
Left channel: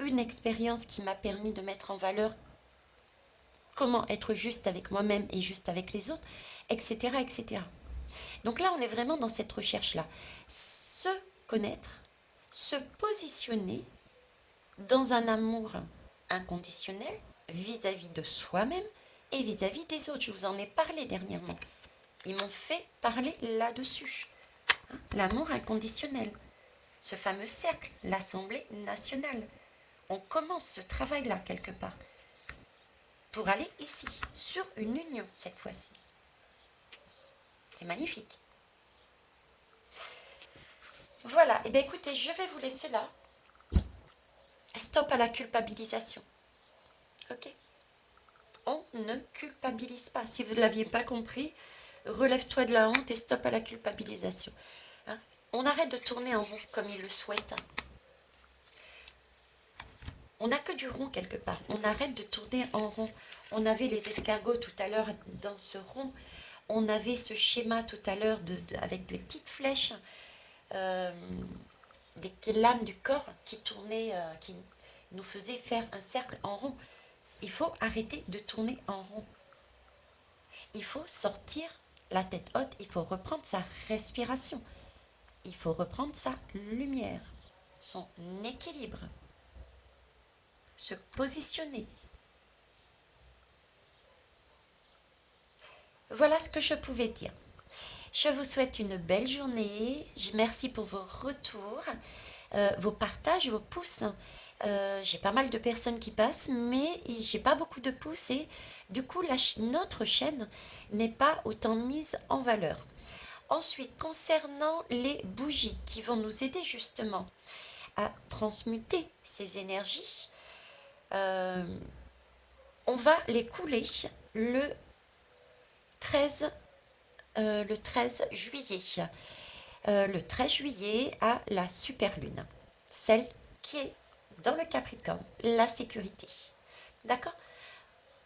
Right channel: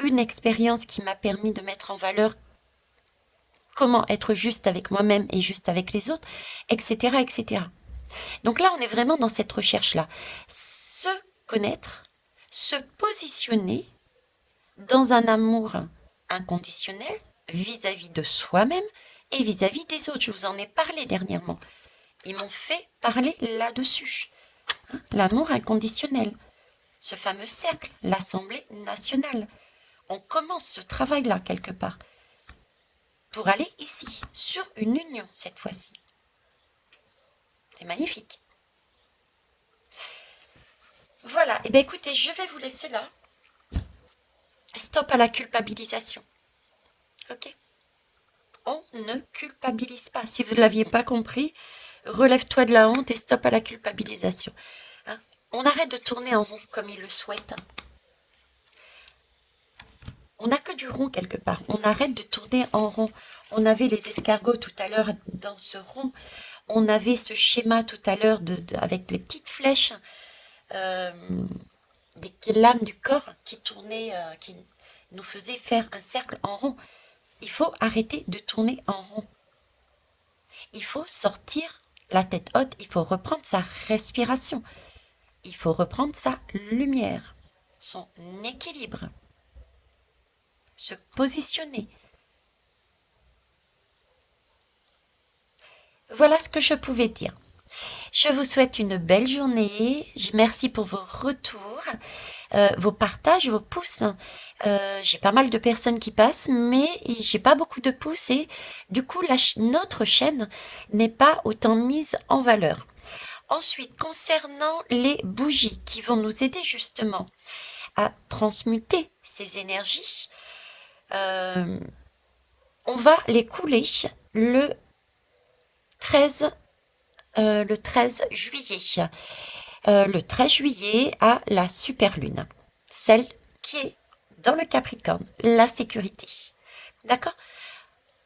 une expérience qui m'a permis de mettre en valeur comment être juste avec moi-même et juste avec les autres, etc., etc. Donc là, on est vraiment dans cette recherche-là. Se connaître, se positionner dans un amour inconditionnel vis-à-vis de soi-même et vis-à-vis des autres. Je vous en ai parlé dernièrement. Ils m'ont fait parler là-dessus. Hein, l'amour inconditionnel. Ce fameux cercle, l'Assemblée nationale. On commence ce travail-là quelque part pour aller ici, sur une union cette fois-ci. C'est magnifique. Voilà, et bien écoutez, je vais vous laisser là. Stop à la culpabilisation. Ok? On ne culpabilise pas. Si vous ne l'aviez pas compris, relève-toi de la honte et stop à la culpabilisation. Hein. On arrête de tourner en rond comme il le souhaite. On n'a que du rond quelque part. On arrête de tourner en rond. On avait les escargots tout à l'heure dans ce rond. On avait ce schéma tout à l'heure avec les petites flèches, euh, des lames du corps qui tournaient, qui nous faisaient faire un cercle en rond. Il faut arrêter de tourner en rond. Il faut sortir la tête haute, il faut reprendre sa respiration, il faut reprendre sa lumière, son équilibre, se positionner. Voilà ce que je pouvais dire. Je vous souhaite une belle journée. Merci pour vos retours, vos partages, vos pouces. J'ai pas mal de personnes qui passent, mais j'ai pas beaucoup de pouces et du coup, notre chaîne n'est pas autant mise en valeur. Ensuite, concernant les bougies qui vont nous aider justement à transmuter ces énergies, euh, on va les couler le 13, le 13 juillet. Le 13 juillet à la super lune, celle qui est dans le Capricorne, la sécurité. D'accord?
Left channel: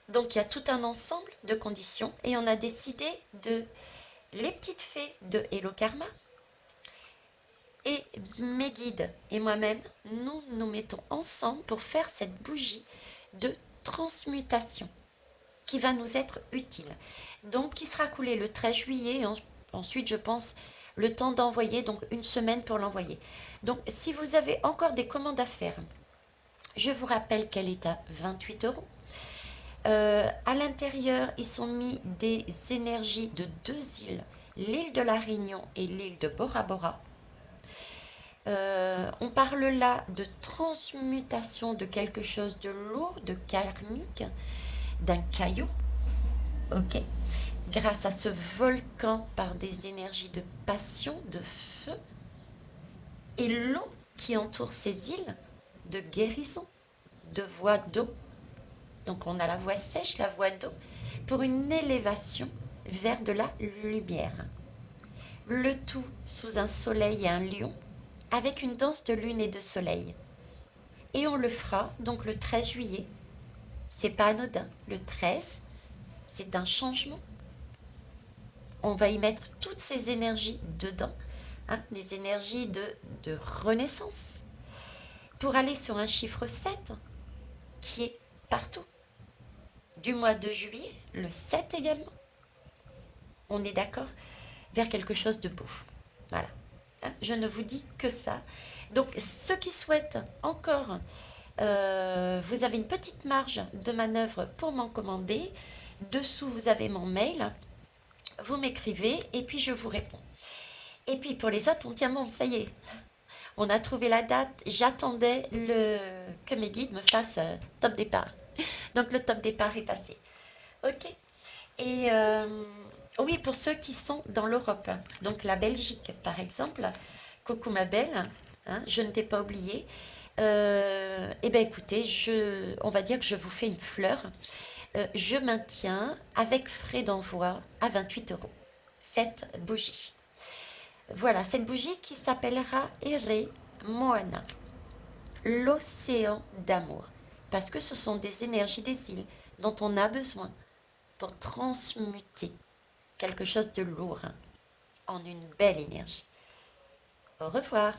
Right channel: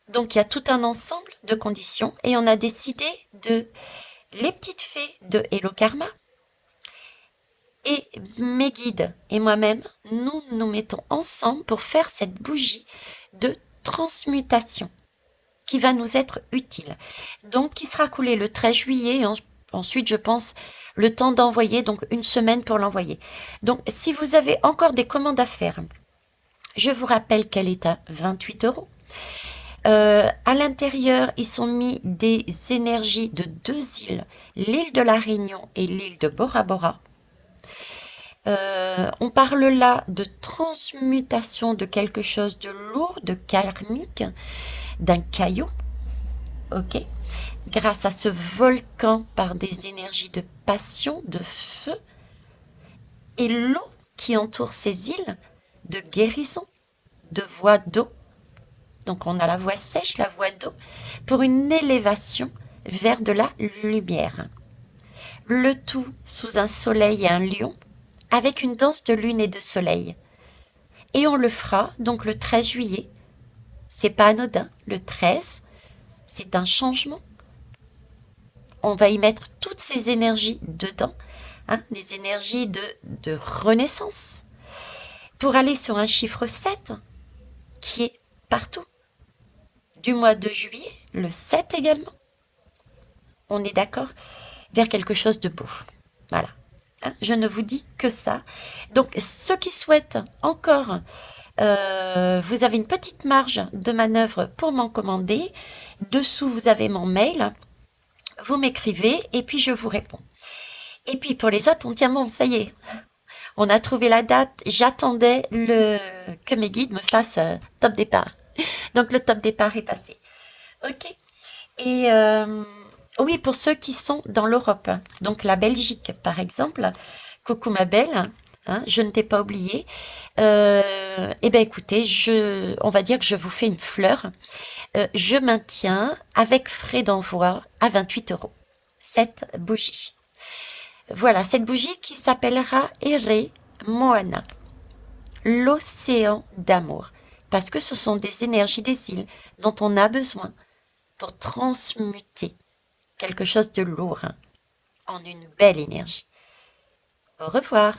Donc il y a tout un ensemble de conditions et on a décidé de les petites fées de Hello Karma et mes guides et moi-même, nous nous mettons ensemble pour faire cette bougie de transmutation qui va nous être utile. Donc, qui sera coulée le 13 juillet. Et ensuite, je pense, le temps d'envoyer, donc une semaine pour l'envoyer. Donc, si vous avez encore des commandes à faire, je vous rappelle qu'elle est à 28 euros. À l'intérieur, ils sont mis des énergies de deux îles, l'île de la Réunion et l'île de Bora Bora. On parle là de transmutation de quelque chose de lourd, de karmique, d'un caillou, ok? Grâce à ce volcan par des énergies de passion, de feu, et l'eau qui entoure ces îles, de guérison, de voie d'eau. Donc on a la voie sèche, la voie d'eau, pour une élévation vers de la lumière. Le tout sous un soleil et un lion, avec une danse de lune et de soleil. Et on le fera donc le 13 juillet. C'est pas anodin. Le 13, c'est un changement. On va y mettre toutes ces énergies dedans, hein, des énergies de renaissance, pour aller sur un chiffre 7 qui est partout. Du mois de juillet, le 7 également. On est d'accord? Vers quelque chose de beau. Voilà. Hein, je ne vous dis que ça. Donc, ceux qui souhaitent encore, vous avez une petite marge de manœuvre pour m'en commander. Dessous, vous avez mon mail. Vous m'écrivez et puis je vous réponds. Et puis pour les autres, on tient bon, ça y est. On a trouvé la date. J'attendais que mes guides me fassent top départ. Donc le top départ est passé. Ok. Et oui, pour ceux qui sont dans l'Europe, donc la Belgique par exemple, coucou ma belle, hein, je ne t'ai pas oublié. Eh bien écoutez, on va dire que je vous fais une fleur. Je maintiens avec frais d'envoi à 28 euros cette bougie. Voilà, cette bougie qui s'appellera Ere Moana, l'océan d'amour, parce que ce sont des énergies des îles dont on a besoin pour transmuter quelque chose de lourd, hein, en une belle énergie. Au revoir.